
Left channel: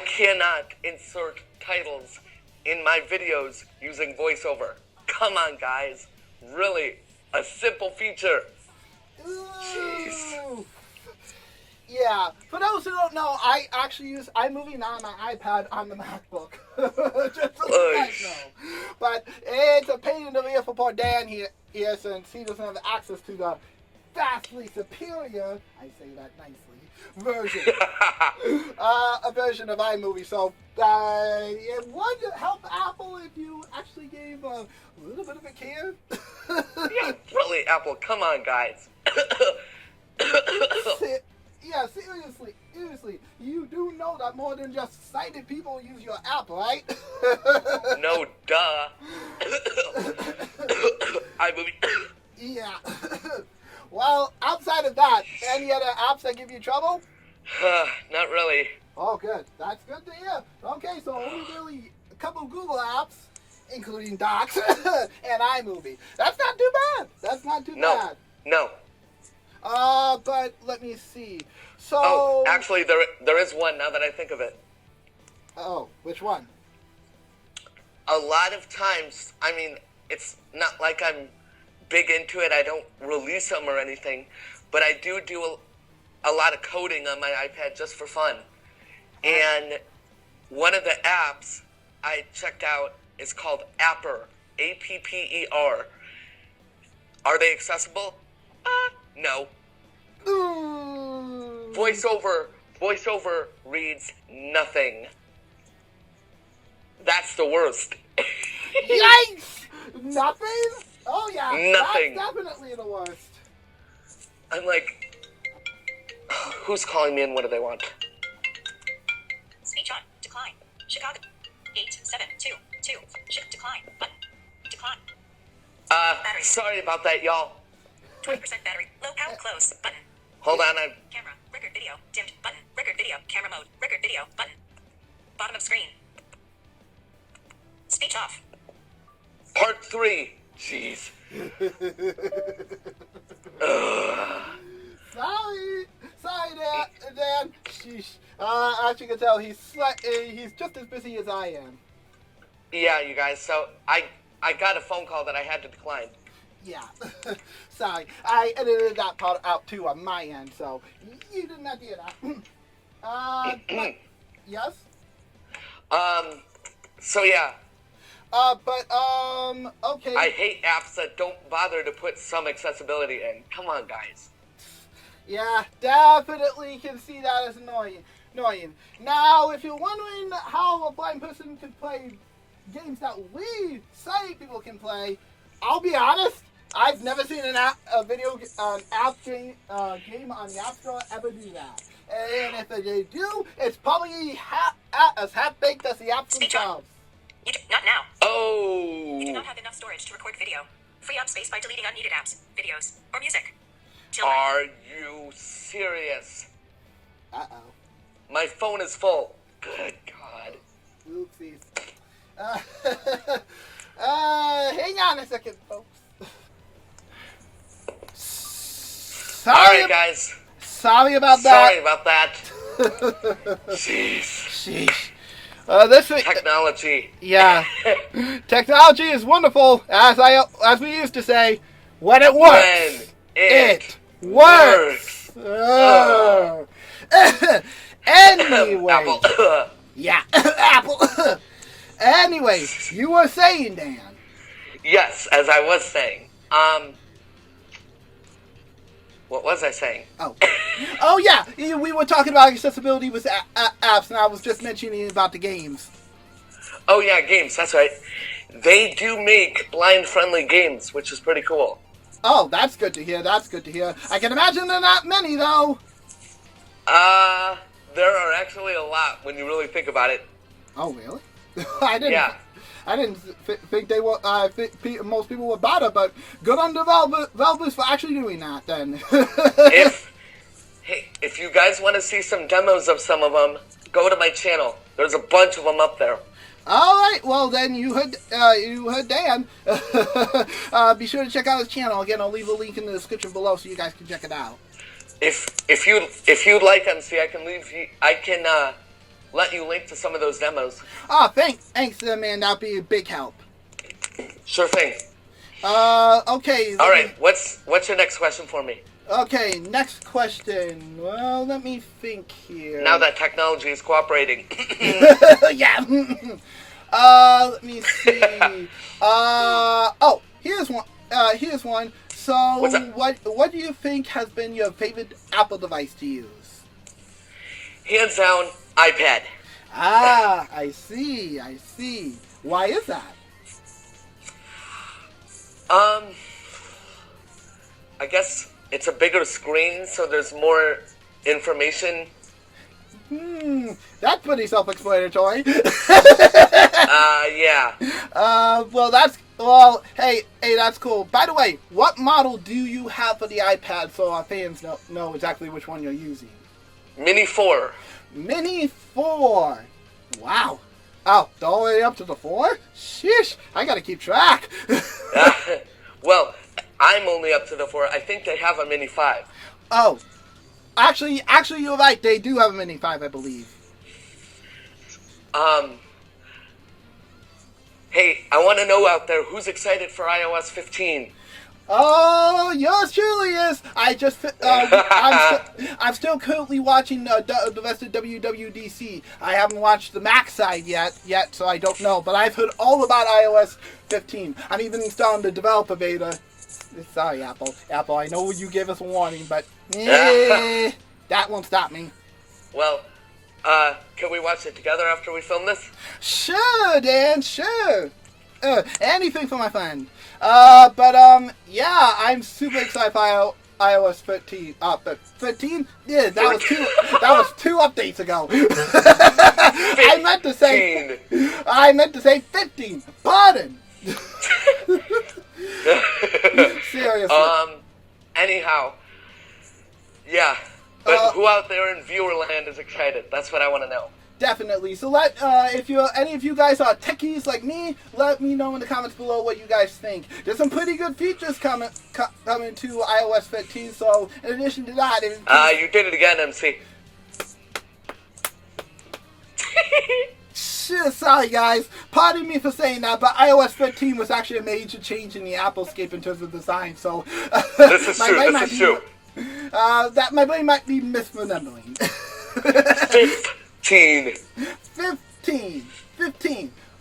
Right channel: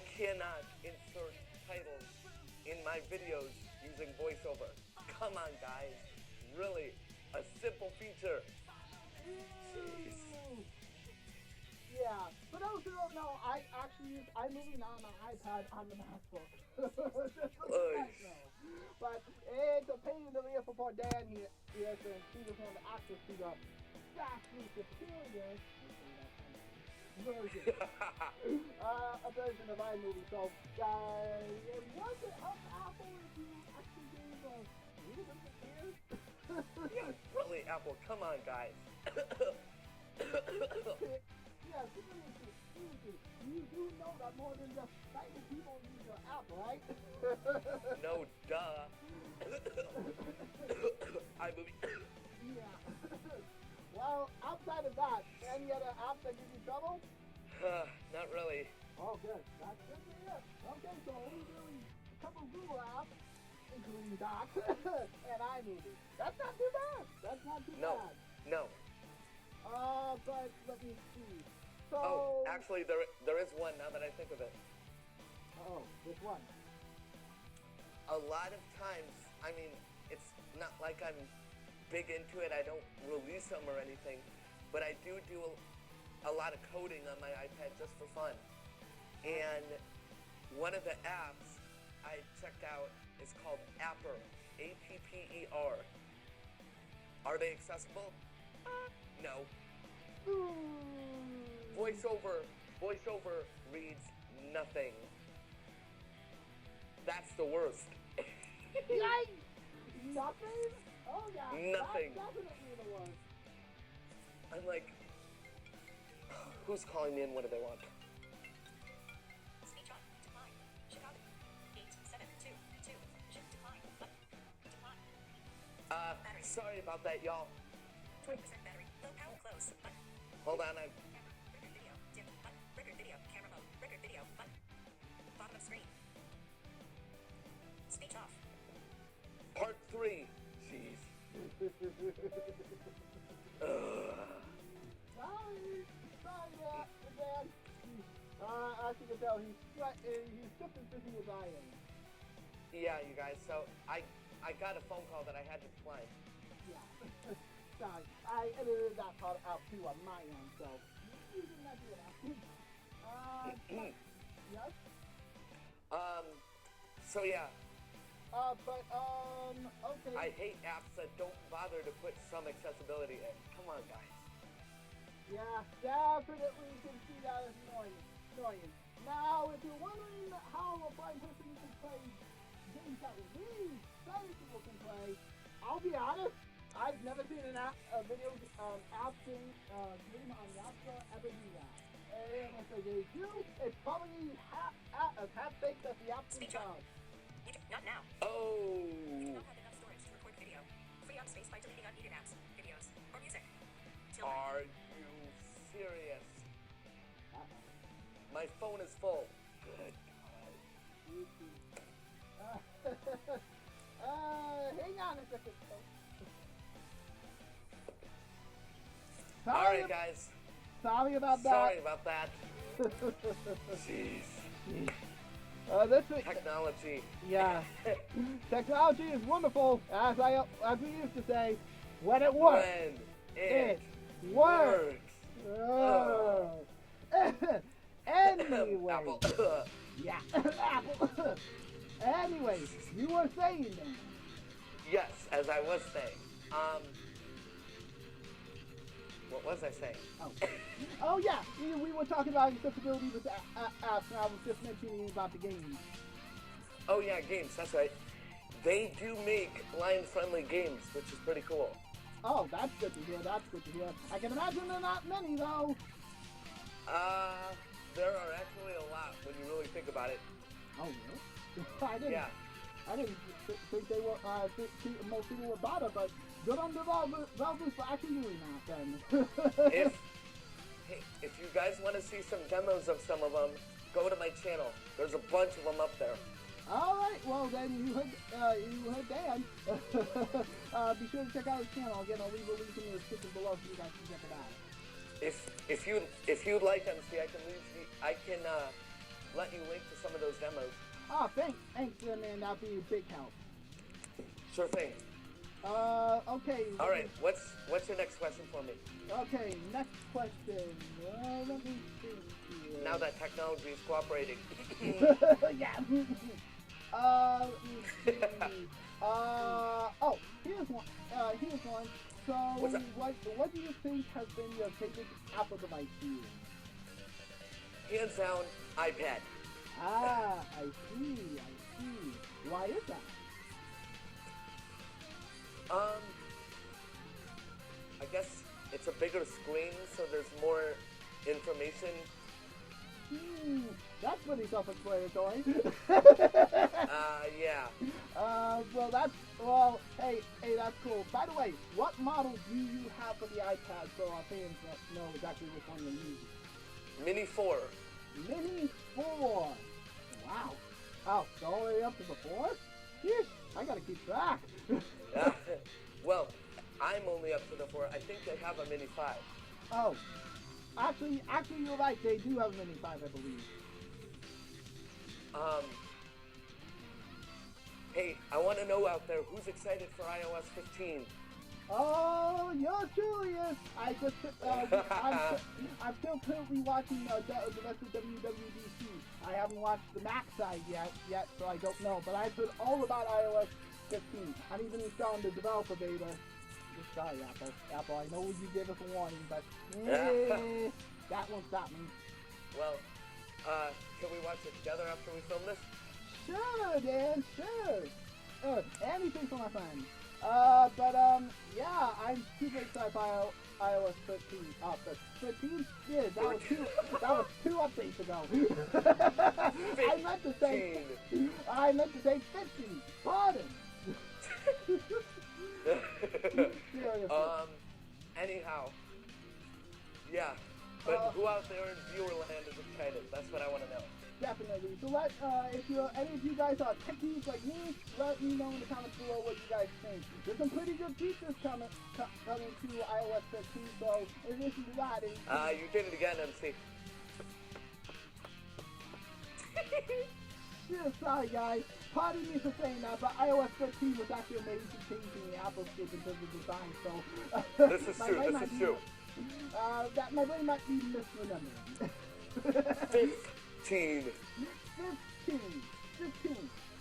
cannot insert titles in my videos using voiceover. Come on, guys. Really, a simple feature. Jeez. Ooh. Yeah, for those who don't know, I actually use iMovie now on my iPad on the MacBook. Just so you guys know. But it's a pain in the rear for poor Dan here since he doesn't have access to the vastly superior, I say that nicely, version. A version of iMovie. So it would help Apple if you actually gave a little bit of a care. Yeah, really, Apple, come on, guys. Yeah, seriously, you do know that more than just sighted people use your app, right? No, duh. iMovie. Yeah. Well, outside of that, any other apps that give you trouble? Not really. Oh, good. That's good to hear. Okay, so only really a couple of Google apps, including Docs and iMovie. That's not too bad. No. But let me see. So. Oh, actually, there is one now that I think of it. Oh, which one? A lot of times, I mean, it's not like I'm big into it. I don't release them or anything, but I do a lot of coding on my iPad just for fun. And one of the apps I checked out is called Apper, A-P-P-E-R. Are they accessible? No. Ooh. Voiceover reads nothing. That's the worst. Yikes! Nothing? Oh yeah. Nothing. That's definitely the worst. I'm like, who's calling me and what do they want? Speech on. Decline. Chicago. 8722. Decline. Button. Decline. Battery. Sorry about that, y'all. 20% battery. Low power close. Button. Hold on, Camera. Record video. Dimmed. Button. Record video. Camera mode. Record video. Button. Bottom of screen. Speech off. Part 3. Jeez. Sorry, Dan. Sheesh. As you can tell, he's just as busy as I am. Yeah, you guys. So I got a phone call that I had to decline. Yeah. Sorry. I edited that part out too on my end, so you did not do that. But, yes? So yeah. Okay. I hate apps that don't bother to put some accessibility in. Come on, guys. Yeah, definitely can see that as annoying. Now, if you're wondering how a blind person can play games that we sighted people can play, I'll be honest, I've never seen an app game on the App Store ever do that. And if they do, it's probably as half-baked as the apps themselves. Not now. Oh. You do not have enough storage to record video. Free up space by deleting unneeded apps, videos, or music. Children. Are you serious? Uh-oh. My phone is full. Good God. Oopsies. Hang on a second, folks. Alright, guys. Sorry about that. Jeez. Sheesh. Technology. Yeah. Technology is wonderful, as we used to say, when it works. When it works. Anyway. Apple. Yeah, Apple. Anyway, you were saying, Dan. Yes, as I was saying. What was I saying? Oh yeah, we were talking about accessibility with apps, and I was just mentioning about the games. Oh yeah, games, that's right. They do make blind-friendly games, which is pretty cool. Oh, that's good to hear, I can imagine there are not many, though. There are actually a lot when you really think about it. Oh, really? I didn't think they were. Most people would bother, but good on developers for actually doing that. Then. If you guys want to see some demos of some of them, go to my channel. There's a bunch of them up there. All right. Well, then you heard Dan. Be sure to check out his channel. Again, I'll leave a link in the description below so you guys can check it out. If you'd like, MC, I can let you link to some of those demos. Oh, thanks, man. That'd be a big help. Sure thing. Okay. All right. What's your next question for me? Okay, next question. Well, let me think here. Now that technology is cooperating. Yeah. Let me see. Here's one. So, what do you think has been your favorite Apple device to use? Hands down, iPad. I see. Why is that? I guess it's a bigger screen, so there's more information. That's pretty self-explanatory. Yeah. Hey, that's cool. By the way, what model do you have for the iPad so our fans know exactly which one you're using? Mini 4. Mini 4. Wow. Oh, all the way up to the 4? Sheesh, I gotta keep track. Well, I'm only up to the 4. I think they have a Mini 5. Oh. Actually, you're right. They do have a Mini 5, I believe. Hey, I want to know out there who's excited for iOS 15. Oh, yours truly is. I'm still currently watching the rest of WWDC. I haven't watched the Mac side yet, so I don't know. But I've heard all about iOS 15. I'm even installing the developer beta. Sorry, Apple. I know you gave us a warning, but that won't stop me. Well, can we watch it together after we film this? Sure, Dan. Sure. Anything for my friend. Yeah, I'm super excited for iOS 13. But 13? Yeah, that was two updates ago. I meant to say 15. Pardon. Seriously. Anyhow. Yeah. But who out there in viewer land is excited? That's what I want to know. Definitely. So if any of you guys are techies like me, let me know in the comments below what you guys think. There's some pretty good features coming to iOS 15. So in addition to that, you did it again, MC. Sorry guys, pardon me for saying that, but iOS 15 was actually a major change in the Applescape in terms of design, so... This is true. That my brain might be misremembering. 15.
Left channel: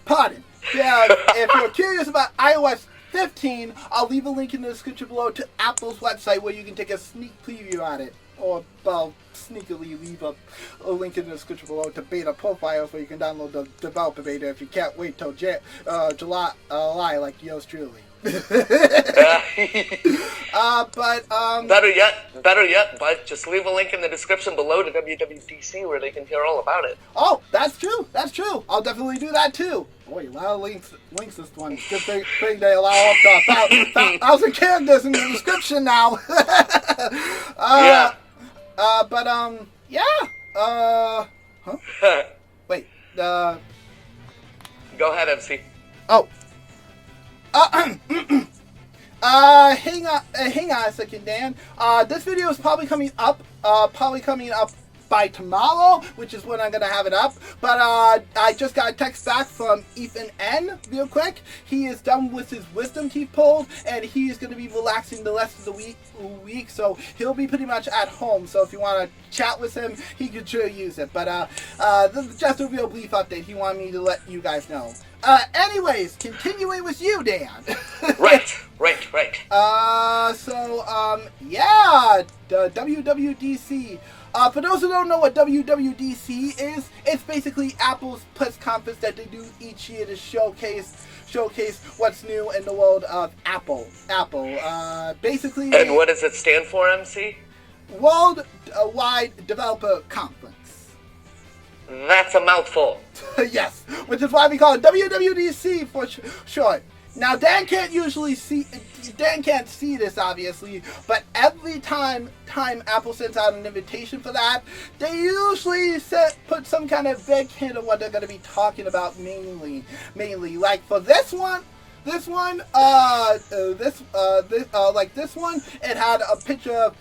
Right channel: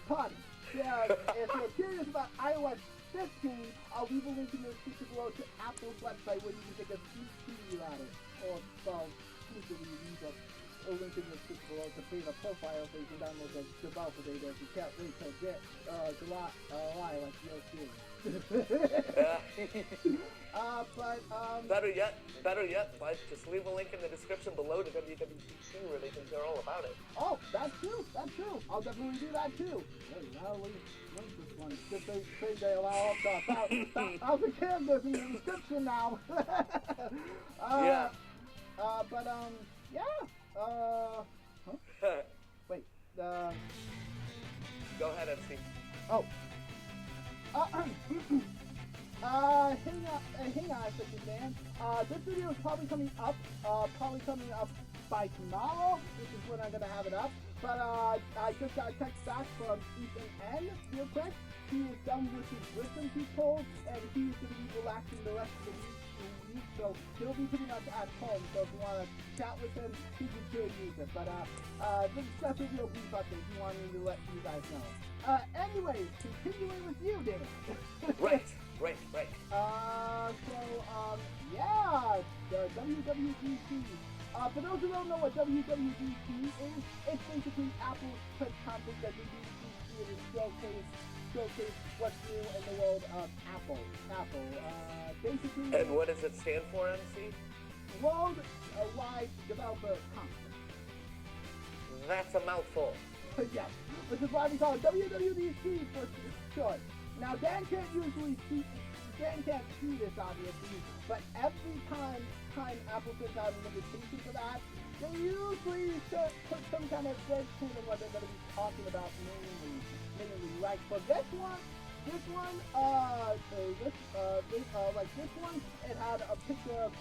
Pardon. Yeah, if you're curious about iOS 15, I'll leave a link in the description below to Apple's website where you can take a sneak preview at it. Or, well, sneakily leave a link in the description below to beta profiles where you can download the developer beta if you can't wait till July like yours truly. Better yet, but just leave a link in the description below to WWDC where they can hear all about it. Oh, that's true. I'll definitely do that too. Boy, a lot of links this one. Good thing they allow up to 1,000 characters in the description now. Wait, Go ahead, MC. Oh. Hang on a second, Dan. This video is probably coming up by tomorrow, which is when I'm gonna have it up. But I just got a text back from Ethan N. real quick. He is done with his wisdom teeth pulled, and he is gonna be relaxing the rest of the week. So he'll be pretty much at home. So if you want to chat with him, he could sure use it. But this is just a real brief update. He wanted me to let you guys know. Anyways, continuing with you, Dan. Right. Yeah, the WWDC. For those who don't know what WWDC is, it's basically Apple's press conference that they do each year to showcase what's new in the world of Apple. Basically. And what does it stand for, MC? Worldwide Developer Conference. That's a mouthful. Yes, which is why we call it WWDC for short. Now, Dan can't see this, obviously, but every time Apple sends out an invitation for that, they usually put some kind of vague hint of what they're going to be talking about mainly. Like for this one, it had a picture of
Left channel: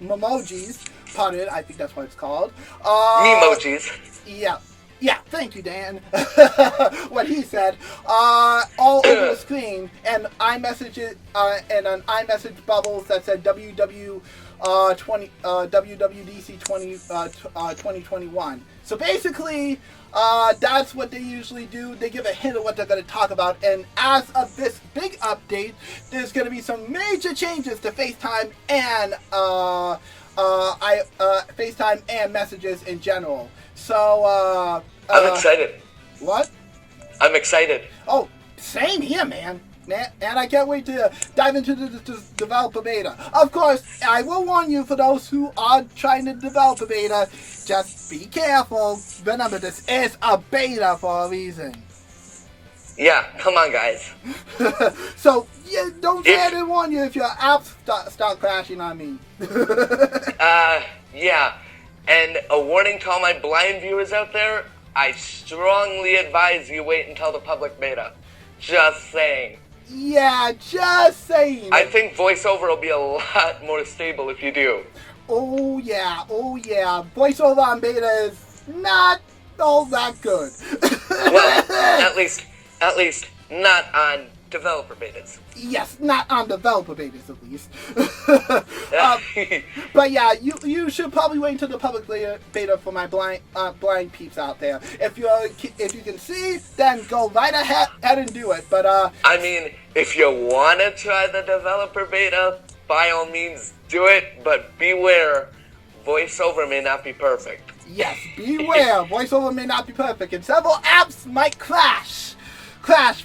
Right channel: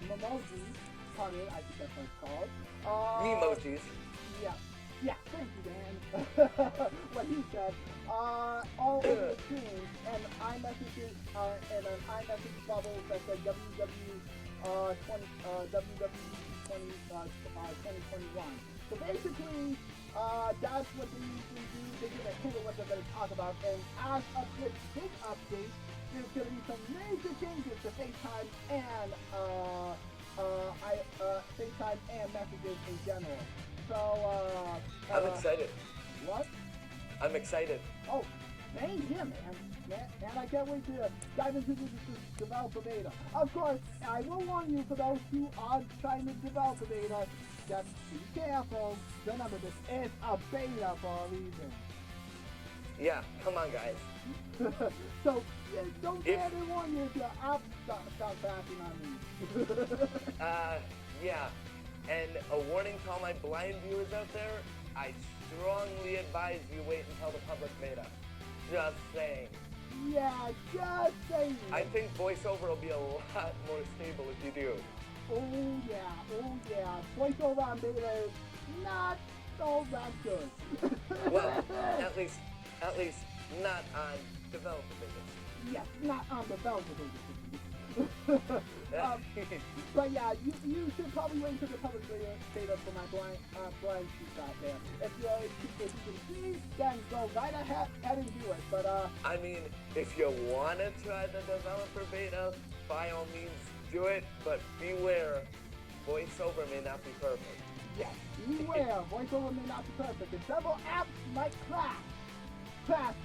emojis. Pardon, I think that's what it's called. Memojis. Yeah, thank you, Dan. What he said, all over the screen, and iMessage, and an iMessage bubbles that said WWDC 2021. So basically, that's what they usually do. They give a hint of what they're going to talk about, and as of this big update, there's going to be some major changes to FaceTime and FaceTime and messages in general. So, I'm excited. What? I'm excited. Oh, same here, man. And I can't wait to dive into the developer beta. Of course, I will warn you, for those who are trying to develop a beta, just be careful. Remember, this is a beta for a reason. Yeah, come on, guys. So, yeah, don't say I didn't warn you if your apps start crashing on me. Yeah. And a warning to all my blind viewers out there, I strongly advise you wait until the public beta. Just saying. Yeah, just saying. I think VoiceOver will be a lot more stable if you do. Oh yeah. VoiceOver on beta is not all that good. Well, at least not on developer betas. Yes, not on developer betas at least. But yeah, you should probably wait until the public beta for my blind peeps out there. If you can see, then go right ahead and do it. But I mean, if you want to try the developer beta, by all means do it. But beware, VoiceOver may not be perfect. Yes, beware. VoiceOver may not be perfect, and several apps might crash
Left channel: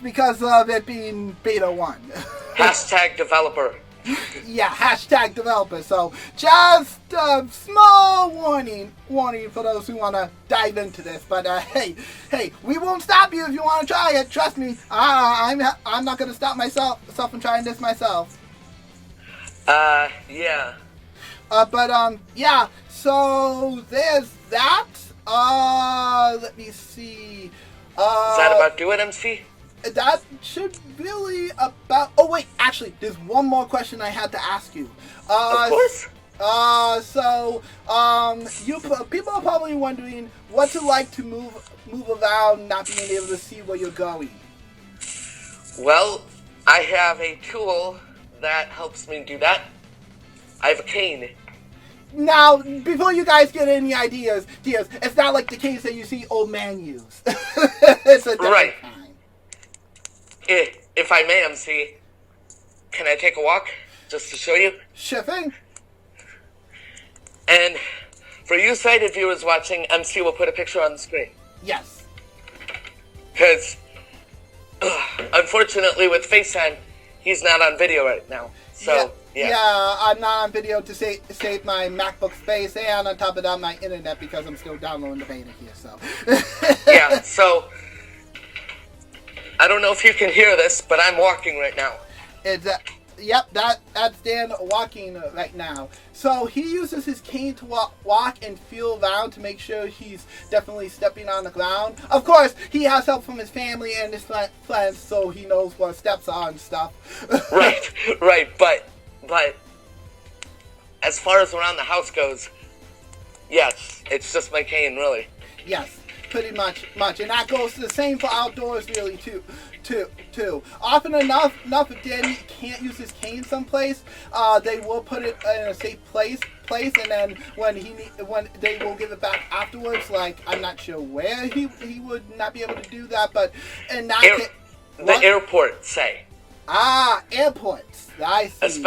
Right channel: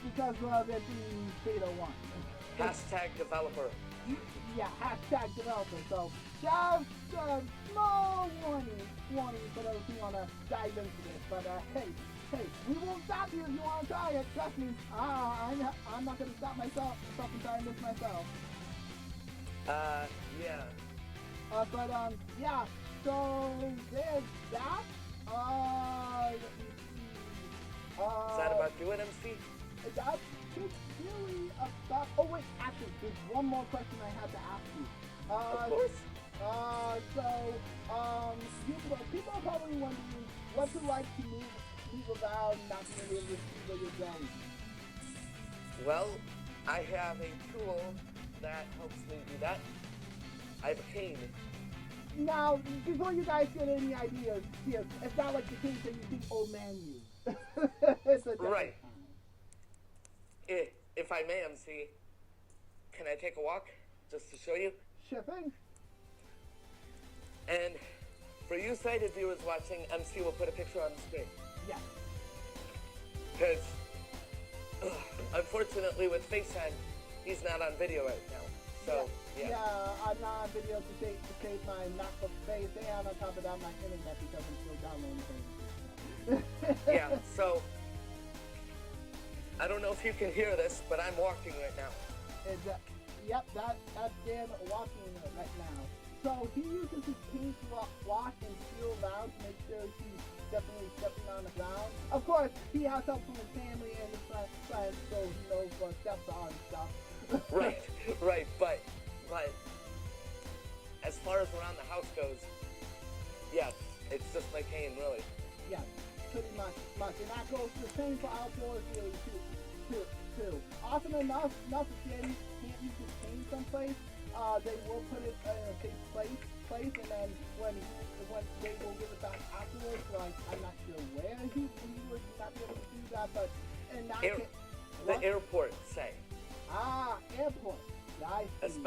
because of it being beta 1. Hashtag developer. Yeah, hashtag developer. So just a small warning for those who want to dive into this. But hey, we won't stop you if you want to try it. Trust me. I'm not going to stop myself from trying this myself. Yeah. Yeah. So there's that. Let me see. Is that about do it, MC? That should really about. Oh wait, actually, there's one more question I had to ask you. Of course. You people are probably wondering what's it like to move around, not being able to see where you're going. Well, I have a tool that helps me do that. I have a cane. Now, before you guys get any ideas, it's not like the case that you see old man use. It's a different Right. kind. If I may, MC, can I take a walk just to show you? Sure thing. And for you sighted viewers watching, MC will put a picture on the screen. Yes. Because, unfortunately, with FaceTime, he's not on video right now. So, yeah. I'm not on video to save my MacBook space, and on top of that, my internet, because I'm still downloading the beta here. So. Yeah, so I don't know if you can hear this, but I'm walking right now. Yep, that's Dan walking right now. So he uses his cane to walk and feel around to make sure he's definitely stepping on the ground. Of course, he has help from his family and his friends, so he knows what steps are and stuff. Right, but as far as around the house goes, yes, it's just my cane, really. Yes, pretty much, and that goes the same for outdoors, really, too. Often enough, if Danny can't use his cane someplace, they will put it in a safe place, and then when they will give it back afterwards, like I'm not sure where he would not be able to do that, but in that case, the airport, say. Airports. I see.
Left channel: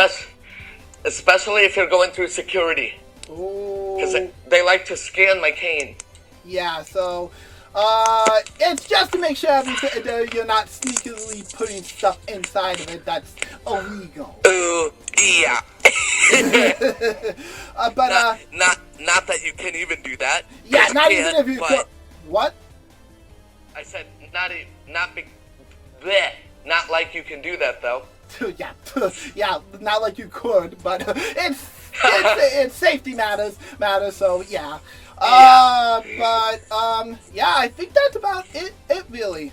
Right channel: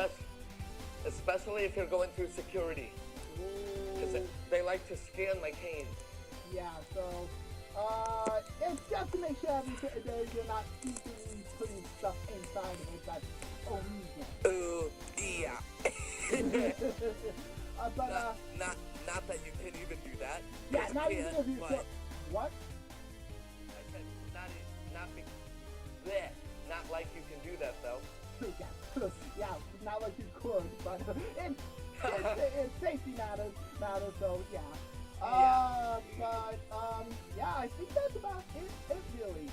Especially if you're going through security, because they like to scan my cane. Yeah, so. It's just to make sure you're not sneakily putting stuff inside of it that's illegal. Yeah. But not that you can even do that. Yeah, not even if you could. What? I said not like you can do that though. Yeah, not like you could, but it's safety matters. So yeah. I think that's about it really.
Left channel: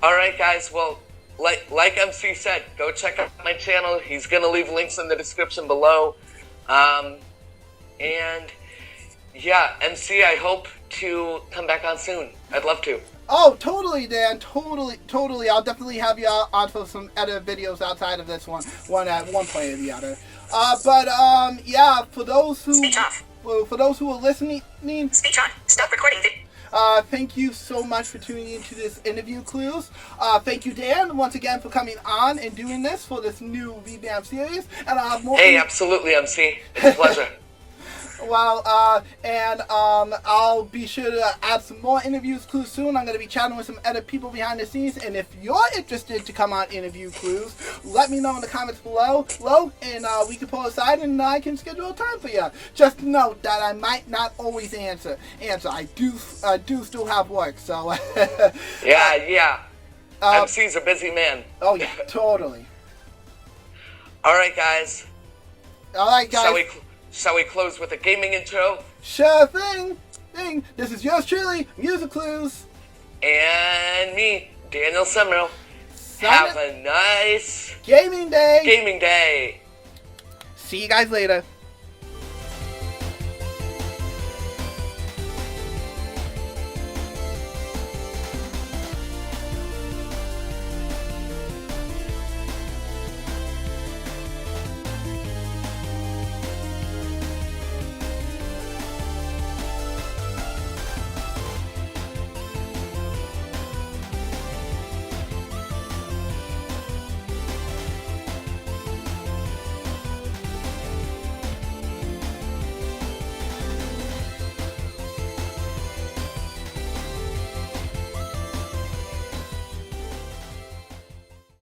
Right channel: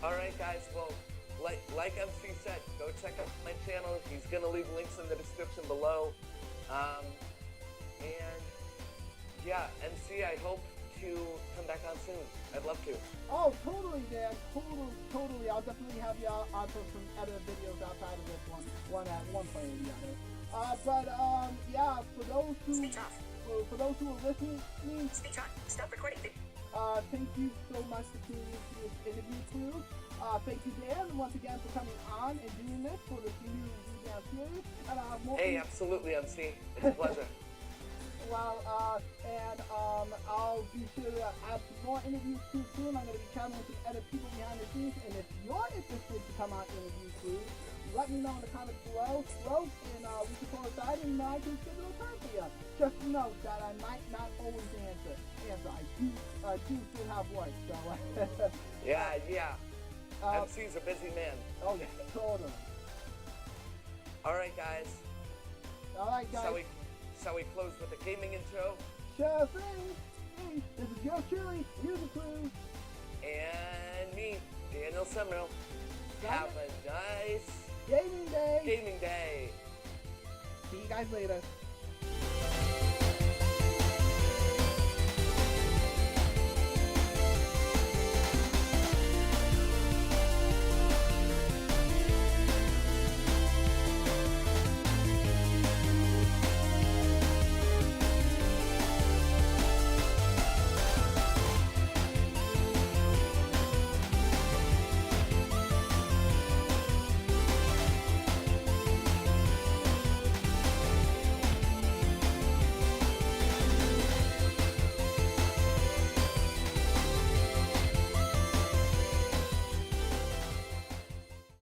Alright guys, well, like MC said, go check out my channel. He's gonna leave links in the description below. And yeah, MC, I hope to come back on soon. I'd love to. Oh, totally, Dan. Totally. I'll definitely have you on for some other videos outside of this one at one point or the other. Yeah, for those who... Speech off. For those who are listening... Speech on. Stop recording. Thank you so much for tuning into this interview clues. Thank you, Dan, once again for coming on and doing this for this new revamped series. And I'll have more... Hey, absolutely, MC. It's a pleasure. Well, I'll be sure to add some more interviews clues soon. I'm going to be chatting with some other people behind the scenes, and if you're interested to come on interview clues, let me know in the comments below, and we can pull aside and I can schedule a time for you. Just note that I might not always answer. I do still have work, so. Yeah. MC's a busy man. Oh yeah, totally. All right, guys. Shall we close with a gaming intro? Sure thing. This is yours truly, InterviewClues. And me, Daniel Semro. Have a nice gaming day. See See you guys later.